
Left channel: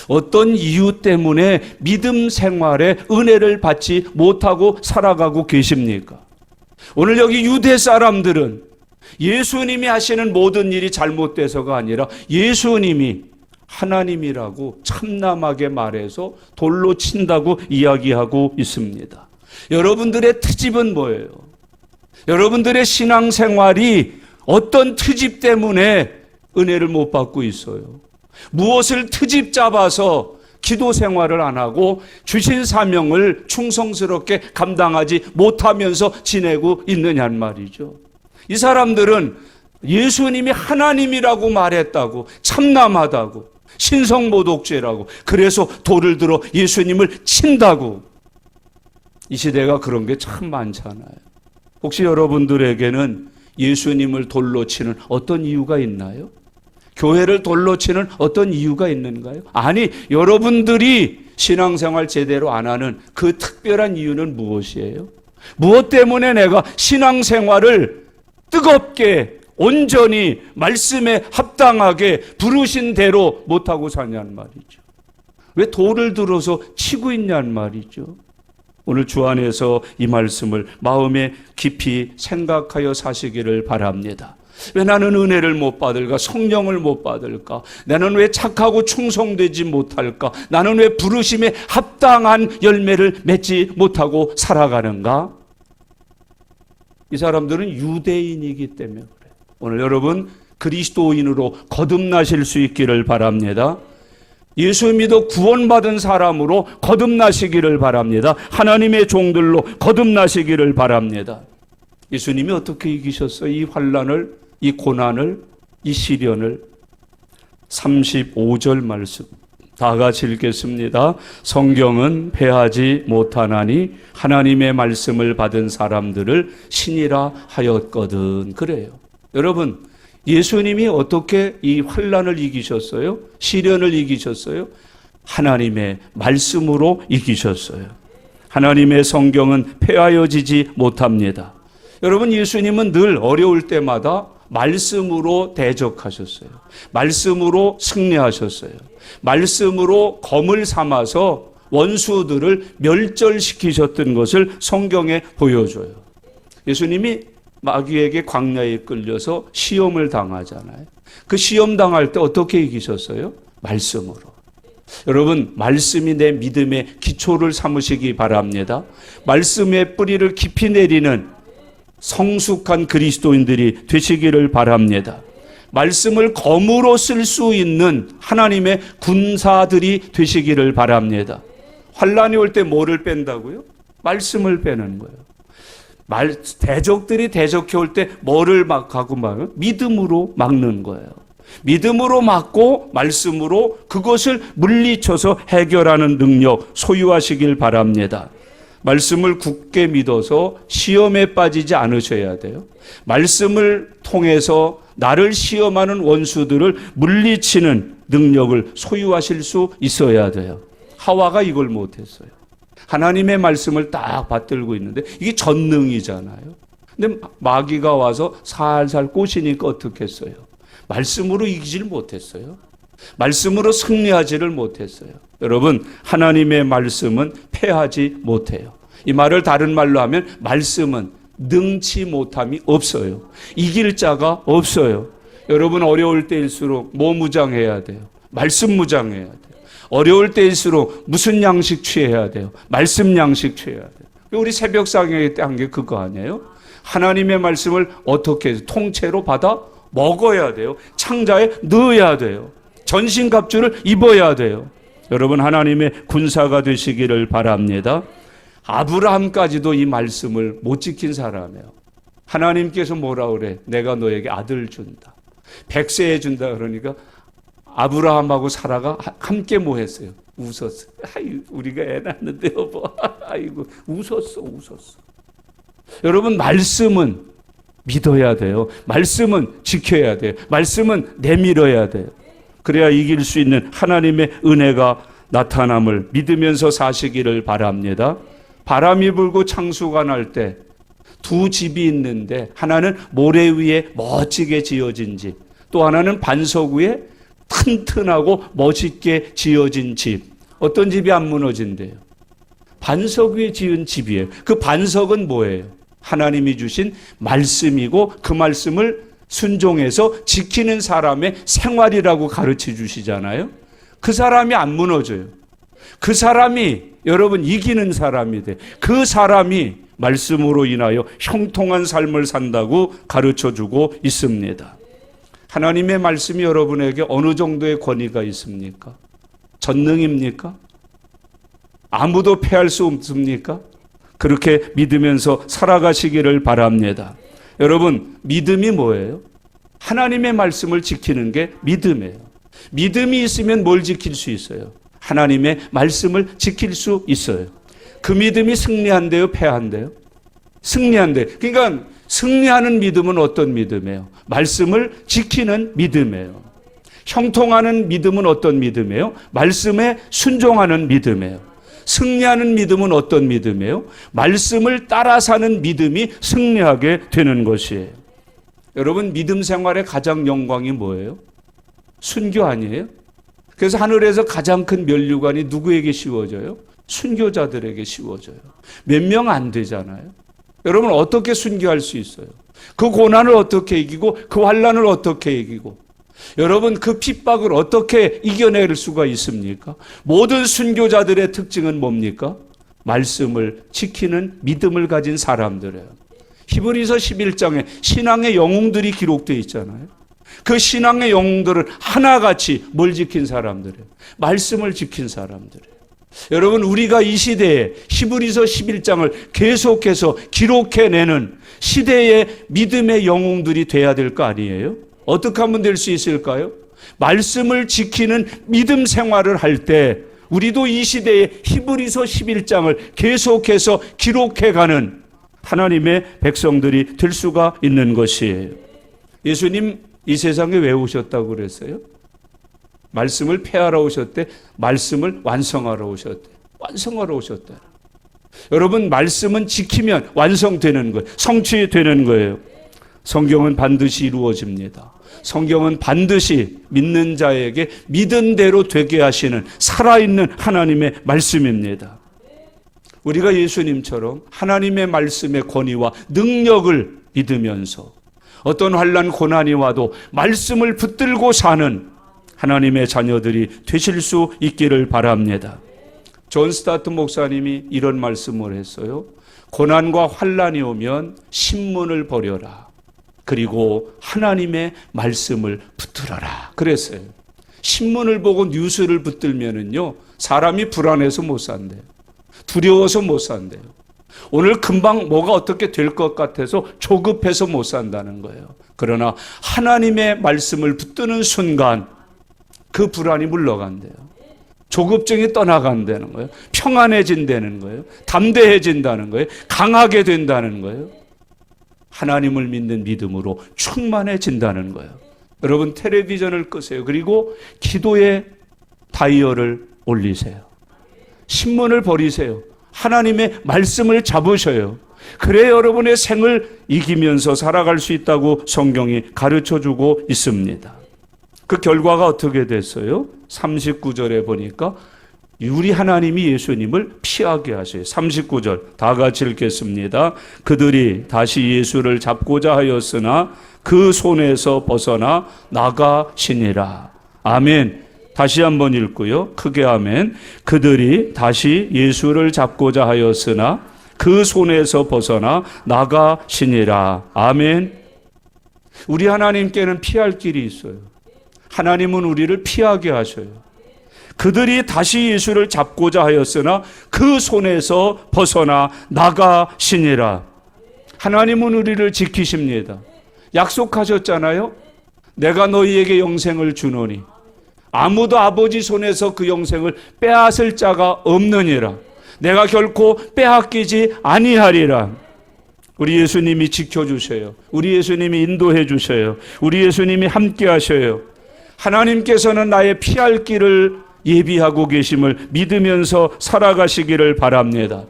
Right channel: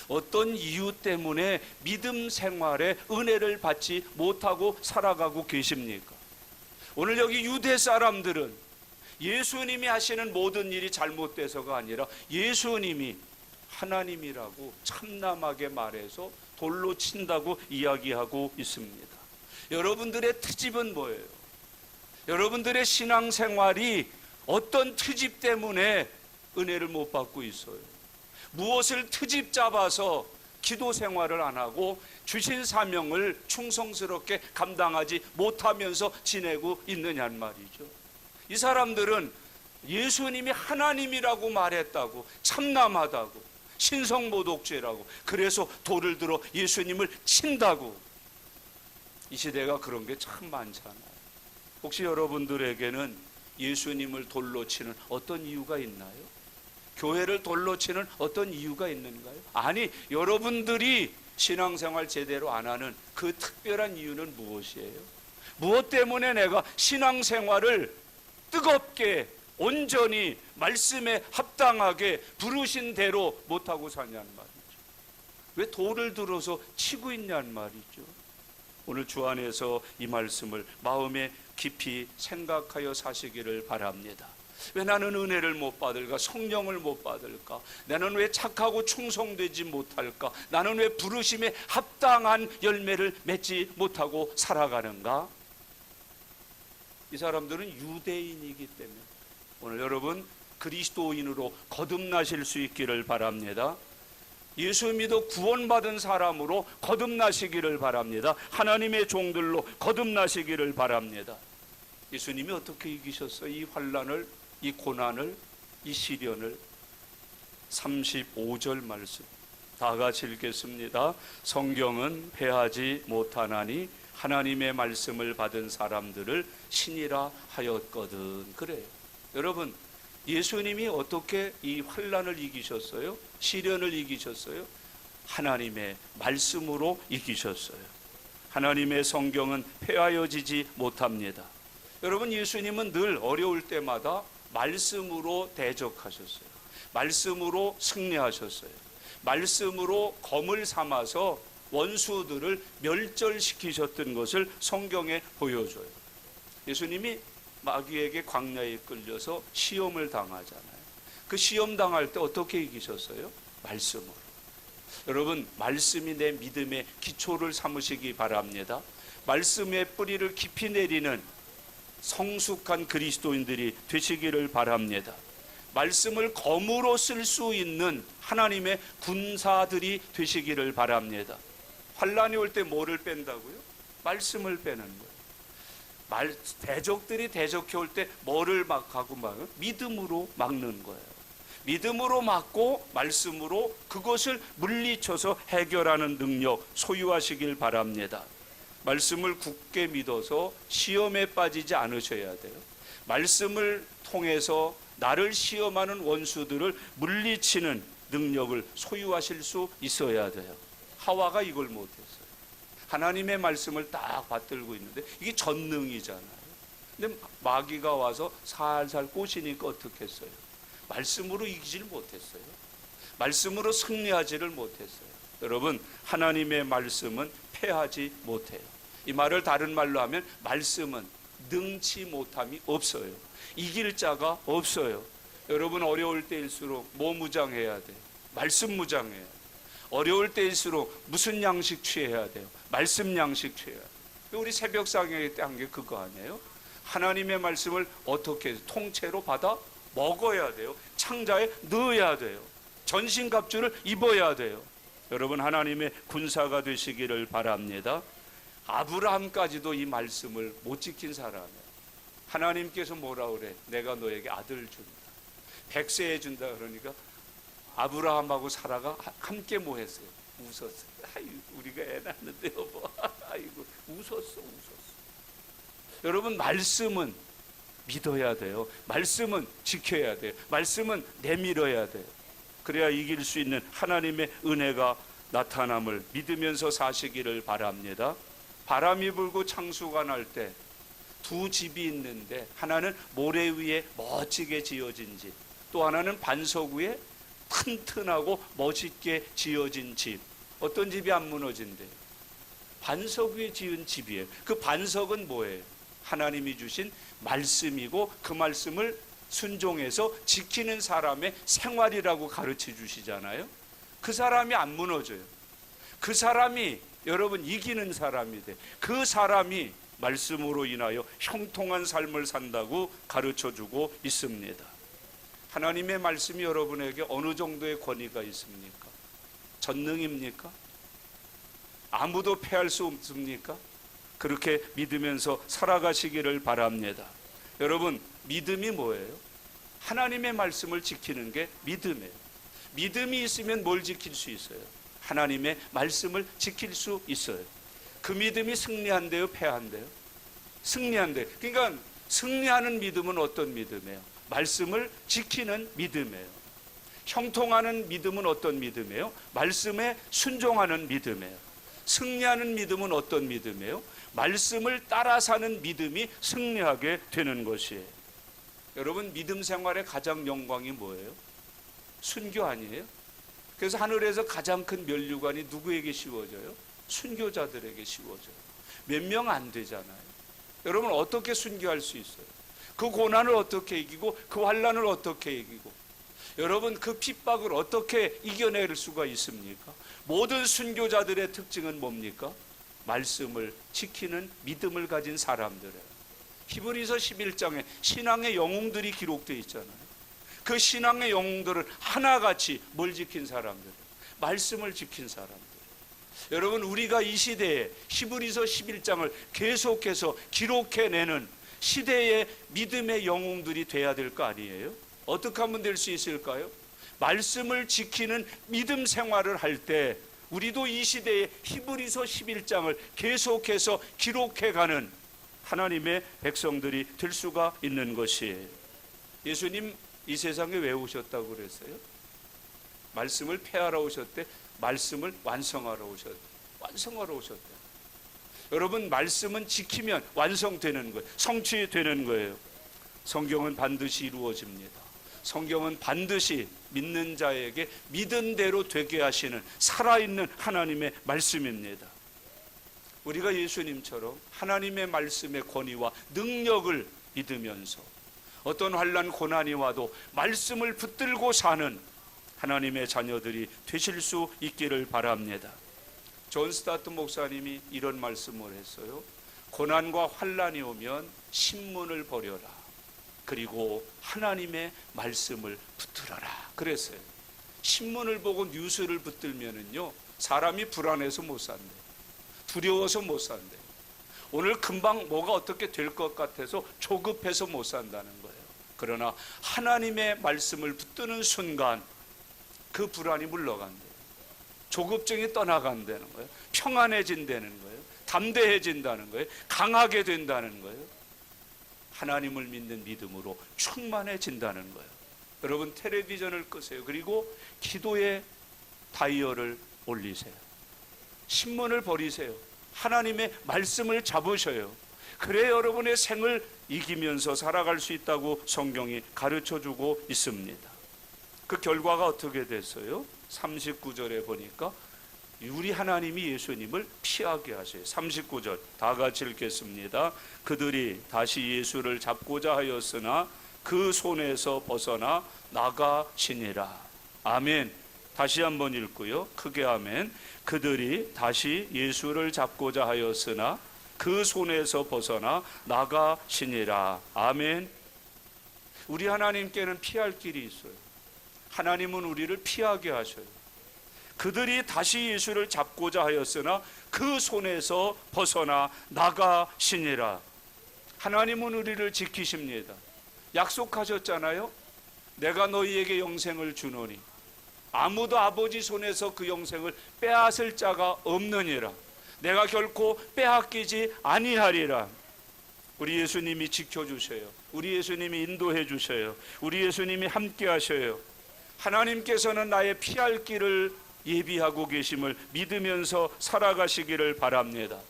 어떤 이유 때문에 믿음 생활에 은혜를 받지 못하고 살아가고 계십니까? 오늘 여기 유대 사람들은 예수님이 하시는 모든 일이 잘못돼서가 아니라 예수님이 하나님이라고 참남하게 말해서 돌로 친다고 이야기하고 있습니다. 여러분들의 트집은 뭐예요? 여러분들의 신앙생활이 어떤 트집 때문에 은혜를 못 받고 있어요? 무엇을 트집 잡아서 기도 생활을 안 하고 주신 사명을 충성스럽게 감당하지 못하면서 지내고 있느냐는 말이죠. 이 사람들은 예수님이 하나님이라고 말했다고, 참남하다고, 신성모독죄라고, 그래서 돌을 들어 예수님을 친다고. 이 시대가 그런 게 참 많잖아요. 혹시 여러분들에게는 예수님을 돌로 치는 어떤 이유가 있나요? 교회를 돌로 치는 어떤 이유가 있는가요? 아니, 여러분들이 신앙생활 제대로 안 하는 그 특별한 이유는 무엇이에요? 무엇 때문에 내가 신앙생활을 뜨겁게 온전히 말씀에 합당하게 부르신 대로 못하고 사냐는 말이죠. 왜 돌을 들어서 치고 있냐는 말이죠. 오늘 주 안에서 이 말씀을 마음에 깊이 생각하여 사시기를 바랍니다. 왜 나는 은혜를 못 받을까? 성령을 못 받을까? 나는 왜 착하고 충성되지 못할까? 나는 왜 부르심에 합당한 열매를 맺지 못하고 살아가는가? 이 사람들은 유대인이기 때문에 그래요. 오늘 여러분 그리스도인으로 거듭나실 수 있기를 바랍니다. 예수 믿어 구원받은 사람으로 거듭나시기를 바랍니다. 하나님의 종들로 거듭나시기를 바랍니다. 예수님이 어떻게 이기셨어요? 이 환난을, 이 고난을, 이 시련을. 35절 말씀 다 같이 읽겠습니다. 성경은 패하지 못하나니 하나님의 말씀을 받은 사람들을 신이라 하였거든. 그래요. 여러분, 예수님이 어떻게 이 환난을 이기셨어요? 시련을 이기셨어요? 하나님의 말씀으로 이기셨어요. 하나님의 성경은 폐하여지지 못합니다. 여러분, 예수님은 늘 어려울 때마다 말씀으로 대적하셨어요. 말씀으로 승리하셨어요. 말씀으로 검을 삼아서 원수들을 멸절시키셨던 것을 성경에 보여줘요. 예수님이 마귀에게 광야에 끌려서 시험을 당하잖아요. 그 시험 당할 때 어떻게 이기셨어요? 말씀으로. 여러분, 말씀이 내 믿음의 기초를 삼으시기 바랍니다. 말씀의 뿌리를 깊이 내리는 성숙한 그리스도인들이 되시기를 바랍니다. 말씀을 검으로 쓸 수 있는 하나님의 군사들이 되시기를 바랍니다. 환난이 올 때 뭐를 뺀다고요? 말씀을 빼는 거예요. 대적들이 대적해 올 때 뭐를 막하고 막아요? 믿음으로 막는 거예요. 믿음으로 막고 말씀으로 그것을 물리쳐서 해결하는 능력 소유하시길 바랍니다. 말씀을 굳게 믿어서 시험에 빠지지 않으셔야 돼요. 말씀을 통해서 나를 시험하는 원수들을 물리치는 능력을 소유하실 수 있어야 돼요. 하와가 이걸 못했어요. 하나님의 말씀을 딱 받들고 있는데 이게 전능이잖아요. 근데 마귀가 와서 살살 꼬시니까 어떻겠어요? 말씀으로 이기질 못했어요. 말씀으로 승리하지를 못했어요. 여러분, 하나님의 말씀은 패하지 못해요. 이 말을 다른 말로 하면 말씀은 능치 못함이 없어요. 이길 자가 없어요. 여러분, 어려울 때일수록 뭐 무장해야 돼요? 말씀 무장해야 돼요. 어려울 때일수록 무슨 양식 취해야 돼요? 말씀 양식 취해야 돼요. 우리 새벽 상에 때 한 게 그거 아니에요? 하나님의 말씀을 어떻게 통째로 받아 먹어야 돼요. 창자에 넣어야 돼요. 전신갑주를 입어야 돼요. 여러분, 하나님의 군사가 되시기를 바랍니다. 아브라함까지도 이 말씀을 못 지킨 사람이에요. 하나님께서 뭐라 그래? 내가 너에게 아들 준다. 100세에 준다 그러니까 아브라함하고 사라가 함께 뭐 했어요? 웃었어요. 아이, 우리가 애 낳는데 여보. 아이고, 웃었어. 여러분, 말씀은 믿어야 돼요. 말씀은 지켜야 돼요. 말씀은 내밀어야 돼요. 그래야 이길 수 있는 하나님의 은혜가 나타남을 믿으면서 사시기를 바랍니다. 바람이 불고 창수가 날 때 두 집이 있는데 하나는 모래 위에 멋지게 지어진 집, 또 하나는 반석 위에 튼튼하고 멋있게 지어진 집. 어떤 집이 안 무너진대요? 반석 위에 지은 집이에요. 그 반석은 뭐예요? 하나님이 주신 말씀이고 그 말씀을 순종해서 지키는 사람의 생활이라고 가르쳐 주시잖아요. 그 사람이 안 무너져요. 그 사람이 여러분 이기는 사람이 돼. 그 사람이 말씀으로 인하여 형통한 삶을 산다고 가르쳐 주고 있습니다. 하나님의 말씀이 여러분에게 어느 정도의 권위가 있습니까? 전능입니까? 아무도 패할 수 없습니까? 그렇게 믿으면서 살아가시기를 바랍니다. 여러분, 믿음이 뭐예요? 하나님의 말씀을 지키는 게 믿음이에요. 믿음이 있으면 뭘 지킬 수 있어요? 하나님의 말씀을 지킬 수 있어요. 그 믿음이 승리한대요, 패한대요? 승리한대요. 그러니까 승리하는 믿음은 어떤 믿음이에요? 말씀을 지키는 믿음이에요. 형통하는 믿음은 어떤 믿음이에요? 말씀에 순종하는 믿음이에요. 승리하는 믿음은 어떤 믿음이에요? 말씀을 따라 사는 믿음이 승리하게 되는 것이에요. 여러분, 믿음 생활의 가장 영광이 뭐예요? 순교 아니에요? 그래서 하늘에서 가장 큰 면류관이 누구에게 씌워져요? 순교자들에게 씌워져요. 몇 명 안 되잖아요. 여러분, 어떻게 순교할 수 있어요? 그 고난을 어떻게 이기고 그 환난을 어떻게 이기고 여러분, 그 핍박을 어떻게 이겨낼 수가 있습니까? 모든 순교자들의 특징은 뭡니까? 말씀을 지키는 믿음을 가진 사람들이에요. 히브리서 11장에 신앙의 영웅들이 기록되어 있잖아요. 그 신앙의 영웅들을 하나같이 뭘 지킨 사람들이에요? 말씀을 지킨 사람들이에요. 여러분, 우리가 이 시대에 히브리서 11장을 계속해서 기록해내는 시대의 믿음의 영웅들이 돼야 될 거 아니에요? 어떻게 하면 될 수 있을까요? 말씀을 지키는 믿음 생활을 할 때 우리도 이 시대의 히브리서 11장을 계속해서 기록해가는 하나님의 백성들이 될 수가 있는 것이에요. 예수님 이 세상에 왜 오셨다고 그랬어요? 말씀을 폐하러 오셨대. 말씀을 완성하러 오셨대. 완성하러 오셨대. 여러분, 말씀은 지키면 완성되는 거예요. 성취되는 거예요. 성경은 반드시 이루어집니다. 성경은 반드시 믿는 자에게 믿은 대로 되게 하시는 살아있는 하나님의 말씀입니다. 우리가 예수님처럼 하나님의 말씀의 권위와 능력을 믿으면서 어떤 환난 고난이 와도 말씀을 붙들고 사는 하나님의 자녀들이 되실 수 있기를 바랍니다. 존 스타트 목사님이 이런 말씀을 했어요. 고난과 환난이 오면 신문을 버려라. 그리고 하나님의 말씀을 붙들어라. 그랬어요. 신문을 보고 뉴스를 붙들면은요, 사람이 불안해서 못 산대요. 두려워서 못 산대요. 오늘 금방 뭐가 어떻게 될 것 같아서 조급해서 못 산다는 거예요. 그러나 하나님의 말씀을 붙드는 순간 그 불안이 물러간대요. 조급증이 떠나간다는 거예요. 평안해진다는 거예요. 담대해진다는 거예요. 강하게 된다는 거예요. 하나님을 믿는 믿음으로 충만해진다는 거예요. 여러분, 텔레비전을 끄세요. 그리고 기도의 다이얼을 올리세요. 신문을 버리세요. 하나님의 말씀을 잡으셔요. 그래 여러분의 생을 이기면서 살아갈 수 있다고 성경이 가르쳐주고 있습니다. 그 결과가 어떻게 됐어요? 39절에 보니까 우리 하나님이 예수님을 피하게 하세요. 39절 다 같이 읽겠습니다. 그들이 다시 예수를 잡고자 하였으나 그 손에서 벗어나 나가시니라. 아멘. 다시 한번 읽고요. 크게 아멘. 그들이 다시 예수를 잡고자 하였으나 그 손에서 벗어나 나가시니라. 아멘. 우리 하나님께는 피할 길이 있어요. 하나님은 우리를 피하게 하셔요. 그들이 다시 예수를 잡고자 하였으나 그 손에서 벗어나 나가시니라. 하나님은 우리를 지키십니다. 약속하셨잖아요. 내가 너희에게 영생을 주노니 아무도 아버지 손에서 그 영생을 빼앗을 자가 없느니라. 내가 결코 빼앗기지 아니하리라. 우리 예수님이 지켜주셔요. 우리 예수님이 인도해 주셔요. 우리 예수님이 함께 하셔요. 하나님께서는 나의 피할 길을 예비하고 계심을 믿으면서 살아가시기를 바랍니다.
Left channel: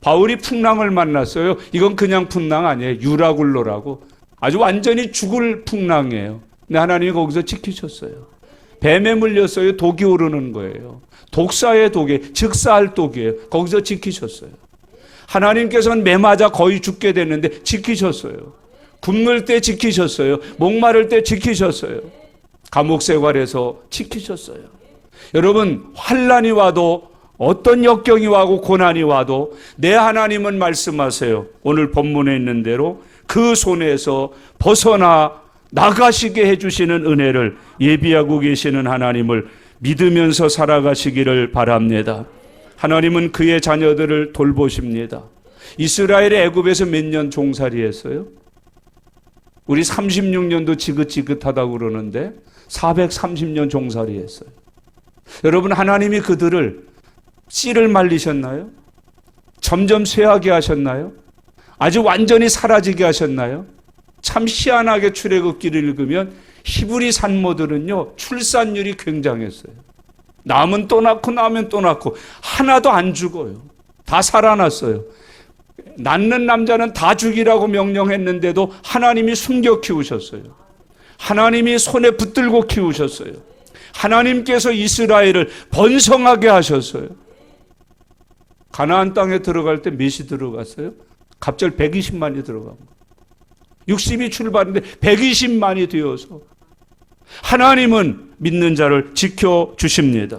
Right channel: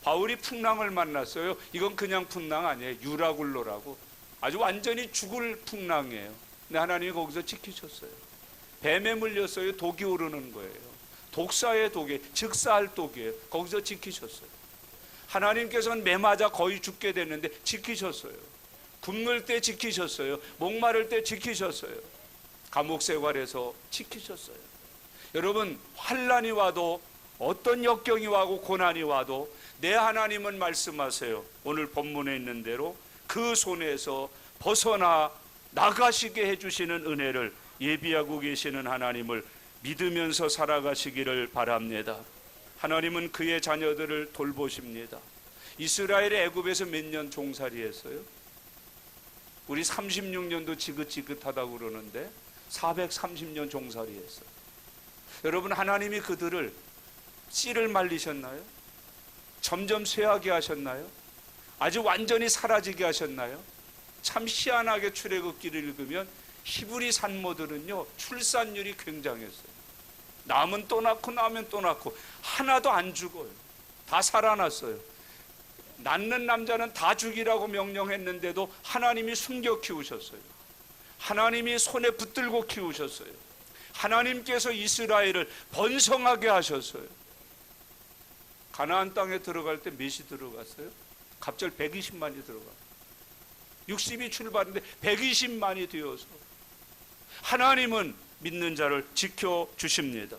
바울이 풍랑을 만났어요. 이건 그냥 풍랑 아니에요. 유라굴로라고 아주 완전히 죽을 풍랑이에요. 근데 하나님이 거기서 지키셨어요. 뱀에 물렸어요. 독이 오르는 거예요. 독사의 독이, 즉사할 독이에요. 거기서 지키셨어요. 하나님께서는 매 맞아 거의 죽게 됐는데 지키셨어요. 굶을 때 지키셨어요. 목마를 때 지키셨어요. 감옥 생활에서 지키셨어요. 여러분, 환난이 와도 어떤 역경이 와고 고난이 와도 내 하나님은 말씀하세요. 오늘 본문에 있는 대로 그 손에서 벗어나 나가시게 해주시는 은혜를 예비하고 계시는 하나님을 믿으면서 살아가시기를 바랍니다. 하나님은 그의 자녀들을 돌보십니다. 이스라엘이 애굽에서 몇 년 종살이했어요? 우리 36년도 지긋지긋하다고 그러는데 430년 종살이했어요. 여러분, 하나님이 그들을 씨를 말리셨나요? 점점 쇠하게 하셨나요? 아주 완전히 사라지게 하셨나요? 참 희한하게 출애굽기를 읽으면 히브리 산모들은요 출산율이 굉장했어요. 낳으면 또 낳고 낳으면 또 낳고 하나도 안 죽어요. 다 살아났어요. 낳는 남자는 다 죽이라고 명령했는데도 하나님이 숨겨 키우셨어요. 하나님이 손에 붙들고 키우셨어요. 하나님께서 이스라엘을 번성하게 하셨어요. 가나안 땅에 들어갈 때 몇이 들어갔어요? 갑자기 120만이 들어갑니다. 60이 출발인데 120만이 되어서 하나님은 믿는 자를 지켜주십니다.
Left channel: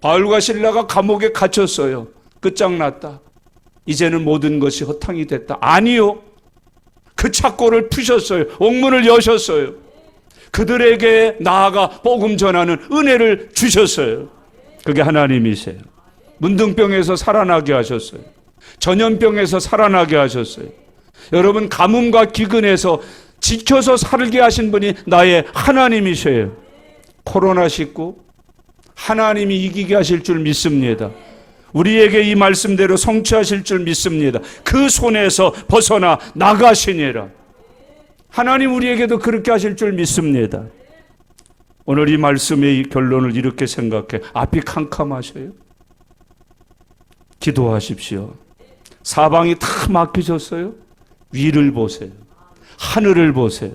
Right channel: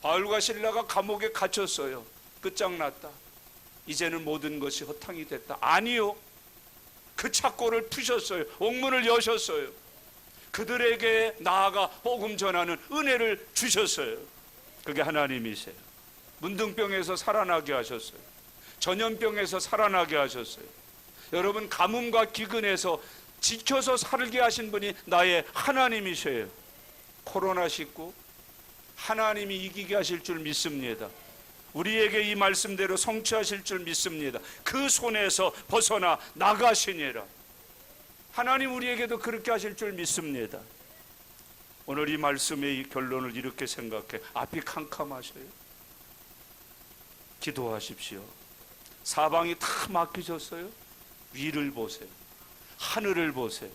바울과 실라가 감옥에 갇혔어요. 끝장났다. 이제는 모든 것이 허탕이 됐다. 아니요. 그 착고를 푸셨어요. 옥문을 여셨어요. 그들에게 나아가 복음 전하는 은혜를 주셨어요. 그게 하나님이세요. 문둥병에서 살아나게 하셨어요. 전염병에서 살아나게 하셨어요. 여러분, 가뭄과 기근에서 지켜서 살게 하신 분이 나의 하나님이세요. 코로나19 하나님이 이기게 하실 줄 믿습니다. 우리에게 이 말씀대로 성취하실 줄 믿습니다. 그 손에서 벗어나 나가시니라. 하나님 우리에게도 그렇게 하실 줄 믿습니다. 오늘 이 말씀의 결론을 이렇게 생각해. 앞이 캄캄하셔요? 기도하십시오. 사방이 다 막히셨어요? 위를 보세요. 하늘을 보세요.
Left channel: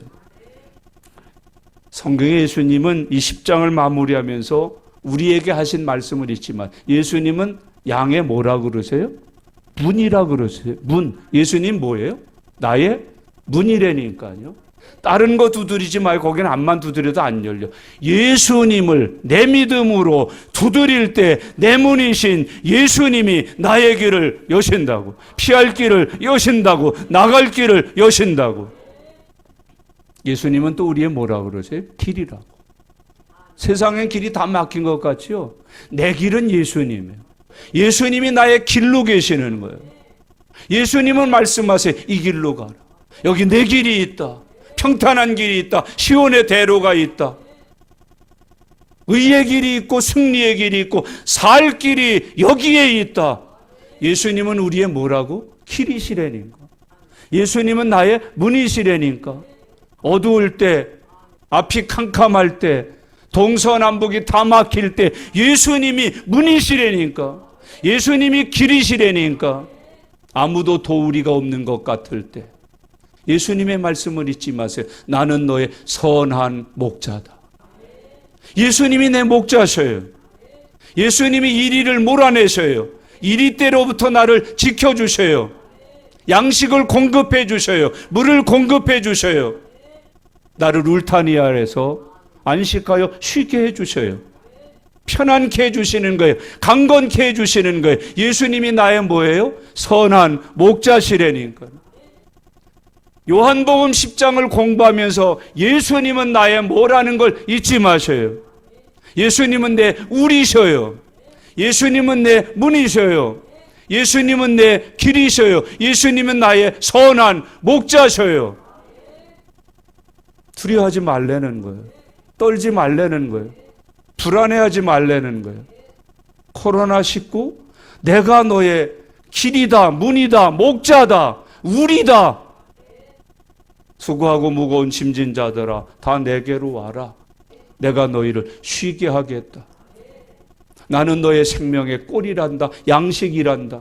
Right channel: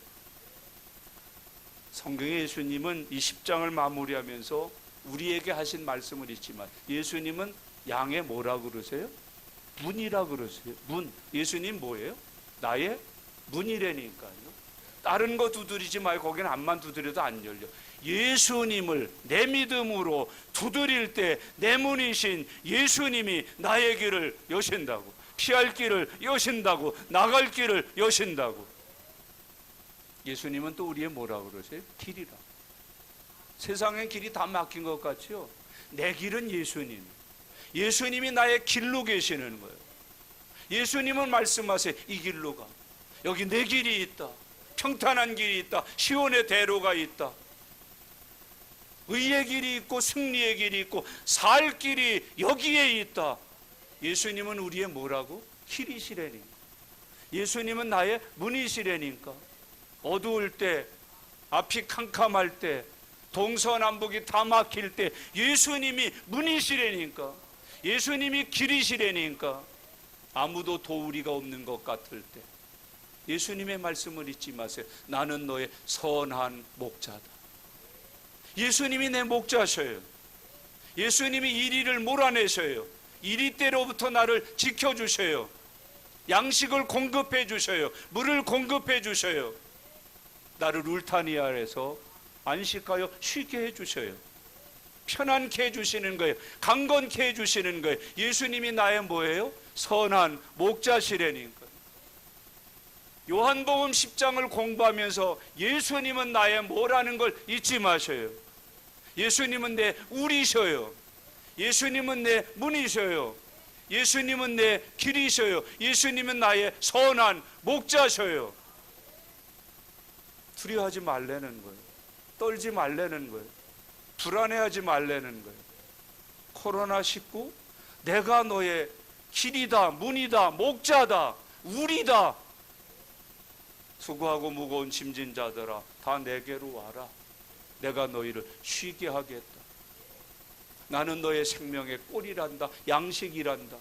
성경의 예수님은 이 10장을 마무리하면서 우리에게 하신 말씀을 있지만 예수님은 양에 뭐라 그러세요? 문이라 그러세요. 문. 예수님 뭐예요? 나의 문이라니까요. 다른 거 두드리지 말고 거기는 앞만 두드려도 안 열려. 예수님을 내 믿음으로 두드릴 때 내 문이신 예수님이 나의 길을 여신다고. 피할 길을 여신다고. 나갈 길을 여신다고. 예수님은 또 우리의 뭐라 그러세요? 길이라고. 세상엔 길이 다 막힌 것 같지요? 내 길은 예수님이에요. 예수님이 나의 길로 계시는 거예요. 예수님은 말씀하세요. 이 길로 가라. 여기 내 길이 있다. 평탄한 길이 있다. 시온의 대로가 있다. 의의 길이 있고 승리의 길이 있고 살 길이 여기에 있다. 예수님은 우리의 뭐라고? 길이시라니까. 예수님은 나의 문이시라니까. 어두울 때, 앞이 캄캄할 때, 동서남북이 다 막힐 때 예수님이 문이시라니까. 예수님이 길이시라니까 아무도 도우리가 없는 것 같을 때 예수님의 말씀을 잊지 마세요. 나는 너의 선한 목자다. 예수님이 내 목자셔요. 예수님이 이리를 몰아내셔요. 이리때로부터 나를 지켜주셔요. 양식을 공급해 주셔요. 물을 공급해 주셔요. 나를 울타리 아래서 안식하여 쉬게 해 주셔요. 편안케 해주시는 거예요. 강건케 해주시는 거예요. 예수님이 나의 뭐예요? 선한 목자시라니까. 요한복음 10장을 공부하면서 예수님은 나의 뭐라는 걸 잊지 마셔요. 예수님은 내 우리셔요. 예수님은 내 문이셔요. 예수님은 내 길이셔요. 예수님은 나의 선한 목자셔요. 두려워하지 말라는 거예요. 떨지 말라는 거예요. 불안해하지 말라는 거예요. 코로나19 내가 너의 길이다, 문이다, 목자다, 우리다. 수고하고 무거운 짐진 자들아 다 내게로 와라. 내가 너희를 쉬게 하겠다. 나는 너의 생명의 꼴이란다. 양식이란다.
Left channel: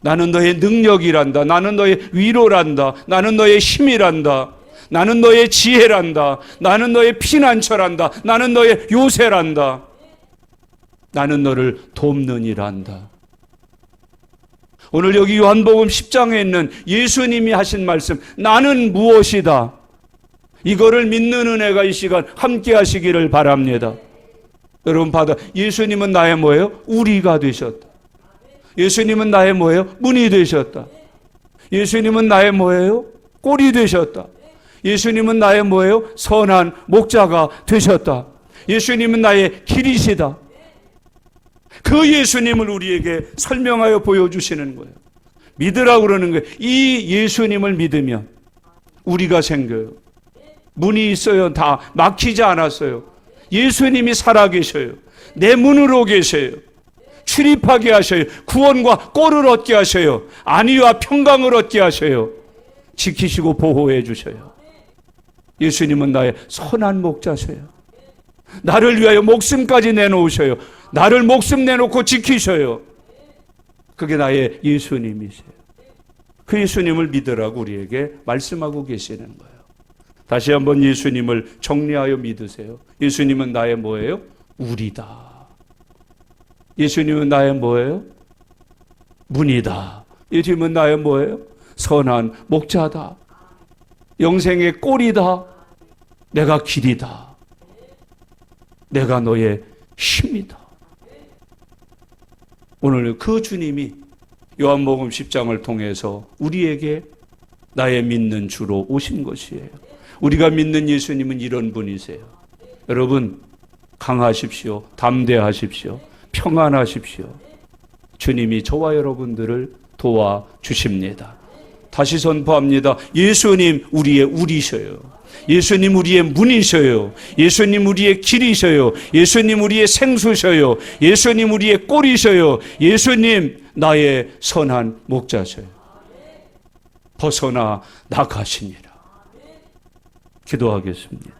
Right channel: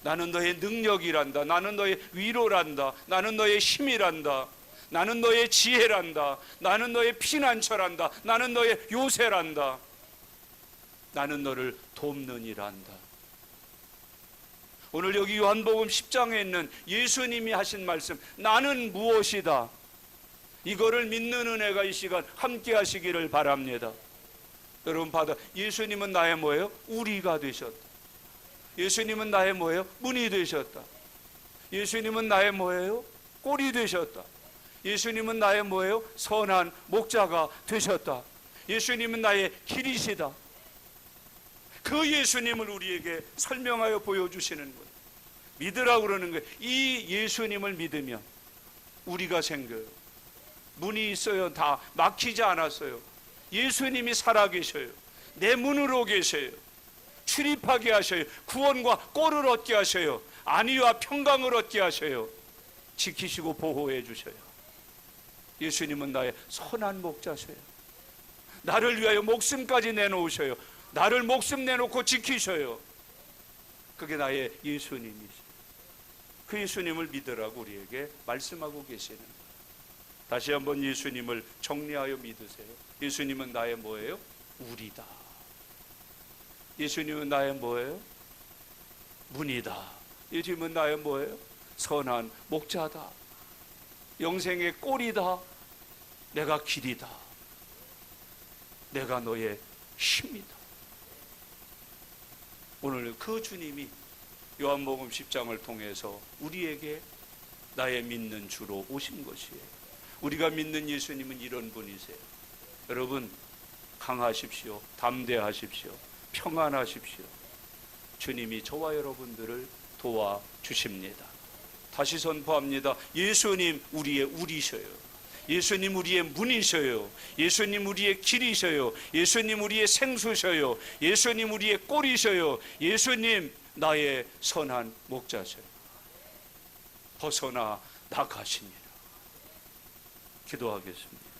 나는 너의 능력이란다. 나는 너의 위로란다. 나는 너의 힘이란다. 나는 너의 지혜란다. 나는 너의 피난처란다. 나는 너의 요새란다. 나는 너를 돕느니란다. 오늘 여기 요한복음 10장에 있는 예수님이 하신 말씀, 나는 무엇이다. 이거를 믿는 은혜가 이 시간 함께 하시기를 바랍니다. 여러분 받아. 예수님은 나의 뭐예요? 우리가 되셨다. 예수님은 나의 뭐예요? 문이 되셨다. 예수님은 나의 뭐예요? 꼴이 되셨다. 예수님은 나의 뭐예요? 선한 목자가 되셨다. 예수님은 나의 길이시다. 그 예수님을 우리에게 설명하여 보여주시는 거예요. 믿으라고 그러는 거예요. 이 예수님을 믿으면 우리가 생겨요. 문이 있어요. 다 막히지 않았어요. 예수님이 살아계셔요. 내 문으로 계셔요. 출입하게 하셔요. 구원과 꼴을 얻게 하셔요. 안위와 평강을 얻게 하셔요. 지키시고 보호해 주셔요. 예수님은 나의 선한 목자셔요. 나를 위하여 목숨까지 내놓으셔요. 나를 목숨 내놓고 지키셔요. 그게 나의 예수님이세요. 그 예수님을 믿으라고 우리에게 말씀하고 계시는 거예요. 다시 한번 예수님을 정리하여 믿으세요. 예수님은 나의 뭐예요? 우리다. 예수님은 나의 뭐예요? 문이다. 예수님은 나의 뭐예요? 선한 목자다. 영생의 꼴이다. 내가 길이다. 내가 너의 힘이다. 오늘 그 주님이 요한복음 10장을 통해서 우리에게 나의 믿는 주로 오신 것이에요. 우리가 믿는 예수님은 이런 분이세요. 여러분 강하십시오. 담대하십시오. 평안하십시오. 주님이 저와 여러분들을 도와주십니다. 다시 선포합니다. 예수님 우리의 우리셔요. 예수님 우리의 문이셔요. 예수님 우리의 길이셔요. 예수님 우리의 생수셔요. 예수님 우리의 꼴이셔요. 예수님 나의 선한 목자셔요. 벗어나 나가시니라. 기도하겠습니다.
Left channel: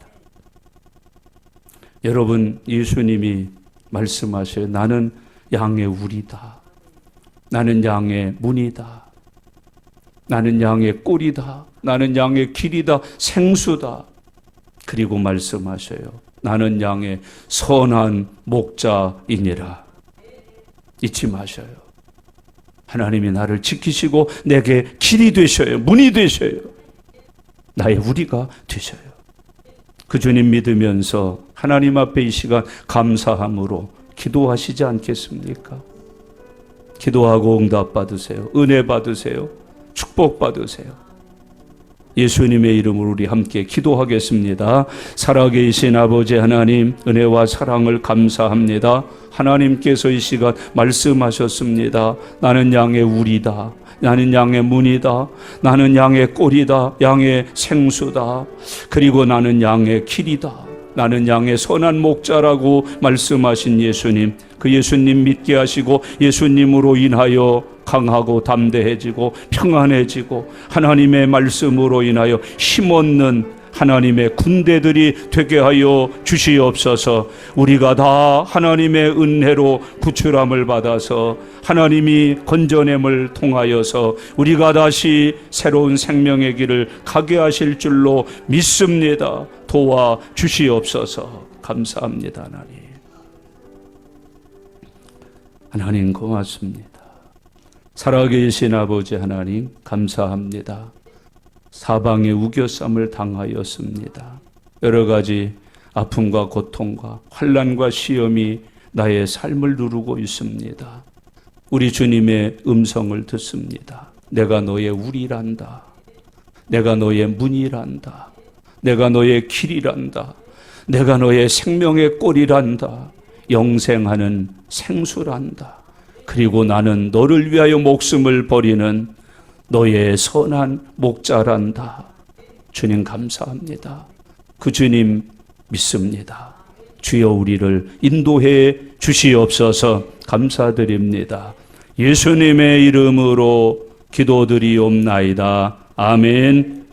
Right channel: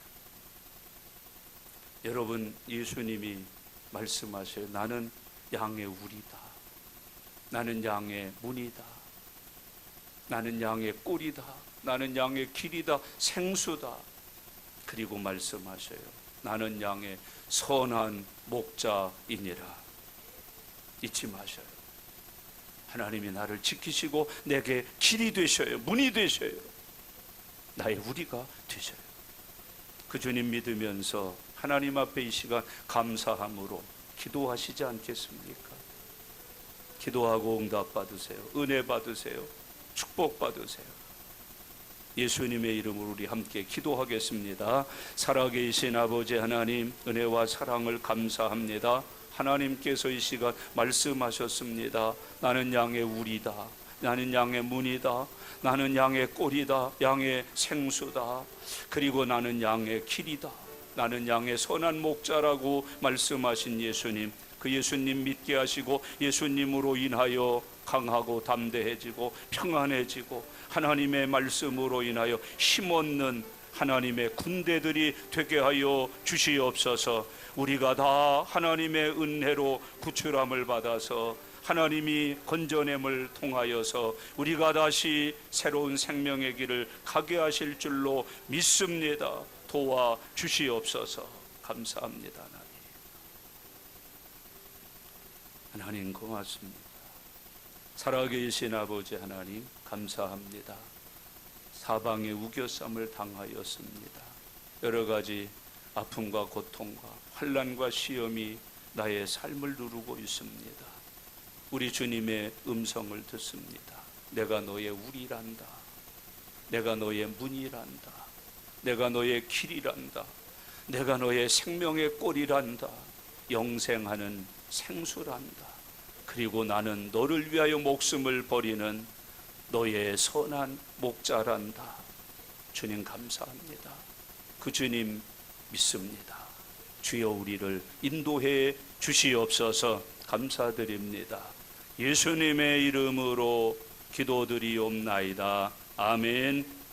여러분 예수님이 말씀하셔요. 나는 양의 우리다. 나는 양의 문이다. 나는 양의 꼴이다. 나는 양의 길이다. 생수다. 그리고 말씀하셔요. 나는 양의 선한 목자이니라. 잊지 마셔요. 하나님이 나를 지키시고 내게 길이 되셔요. 문이 되셔요. 나의 우리가 되셔요. 그 주님 믿으면서 하나님 앞에 이 시간 감사함으로 기도하시지 않겠습니까? 기도하고 응답 받으세요. 은혜 받으세요. 축복 받으세요. 예수님의 이름으로 우리 함께 기도하겠습니다. 살아계신 아버지 하나님, 은혜와 사랑을 감사합니다. 하나님께서 이 시간 말씀하셨습니다. 나는 양의 우리다. 나는 양의 문이다. 나는 양의 꼴이다. 양의 생수다. 그리고 나는 양의 길이다. 나는 양의 선한 목자라고 말씀하신 예수님, 그 예수님 믿게 하시고 예수님으로 인하여 강하고 담대해지고 평안해지고 하나님의 말씀으로 인하여 힘없는 하나님의 군대들이 되게 하여 주시옵소서. 우리가 다 하나님의 은혜로 구출함을 받아서 하나님이 건져냄을 통하여서 우리가 다시 새로운 생명의 길을 가게 하실 줄로 믿습니다. 도와 주시옵소서. 감사합니다. 하나님 고맙습니다. 살아계신 아버지 하나님 감사합니다. 사방에 우겨쌈을 당하였습니다. 여러 가지 아픔과 고통과 환난과 시험이 나의 삶을 누르고 있습니다. 우리 주님의 음성을 듣습니다. 내가 너의 우리란다. 내가 너의 문이란다. 내가 너의 길이란다. 내가 너의 생명의 꼴이란다. 영생하는 생수란다. 그리고 나는 너를 위하여 목숨을 버리는 너의 선한 목자란다. 주님 감사합니다. 그 주님 믿습니다. 주여 우리를 인도해 주시옵소서. 감사드립니다. 예수님의 이름으로 기도드리옵나이다. 아멘.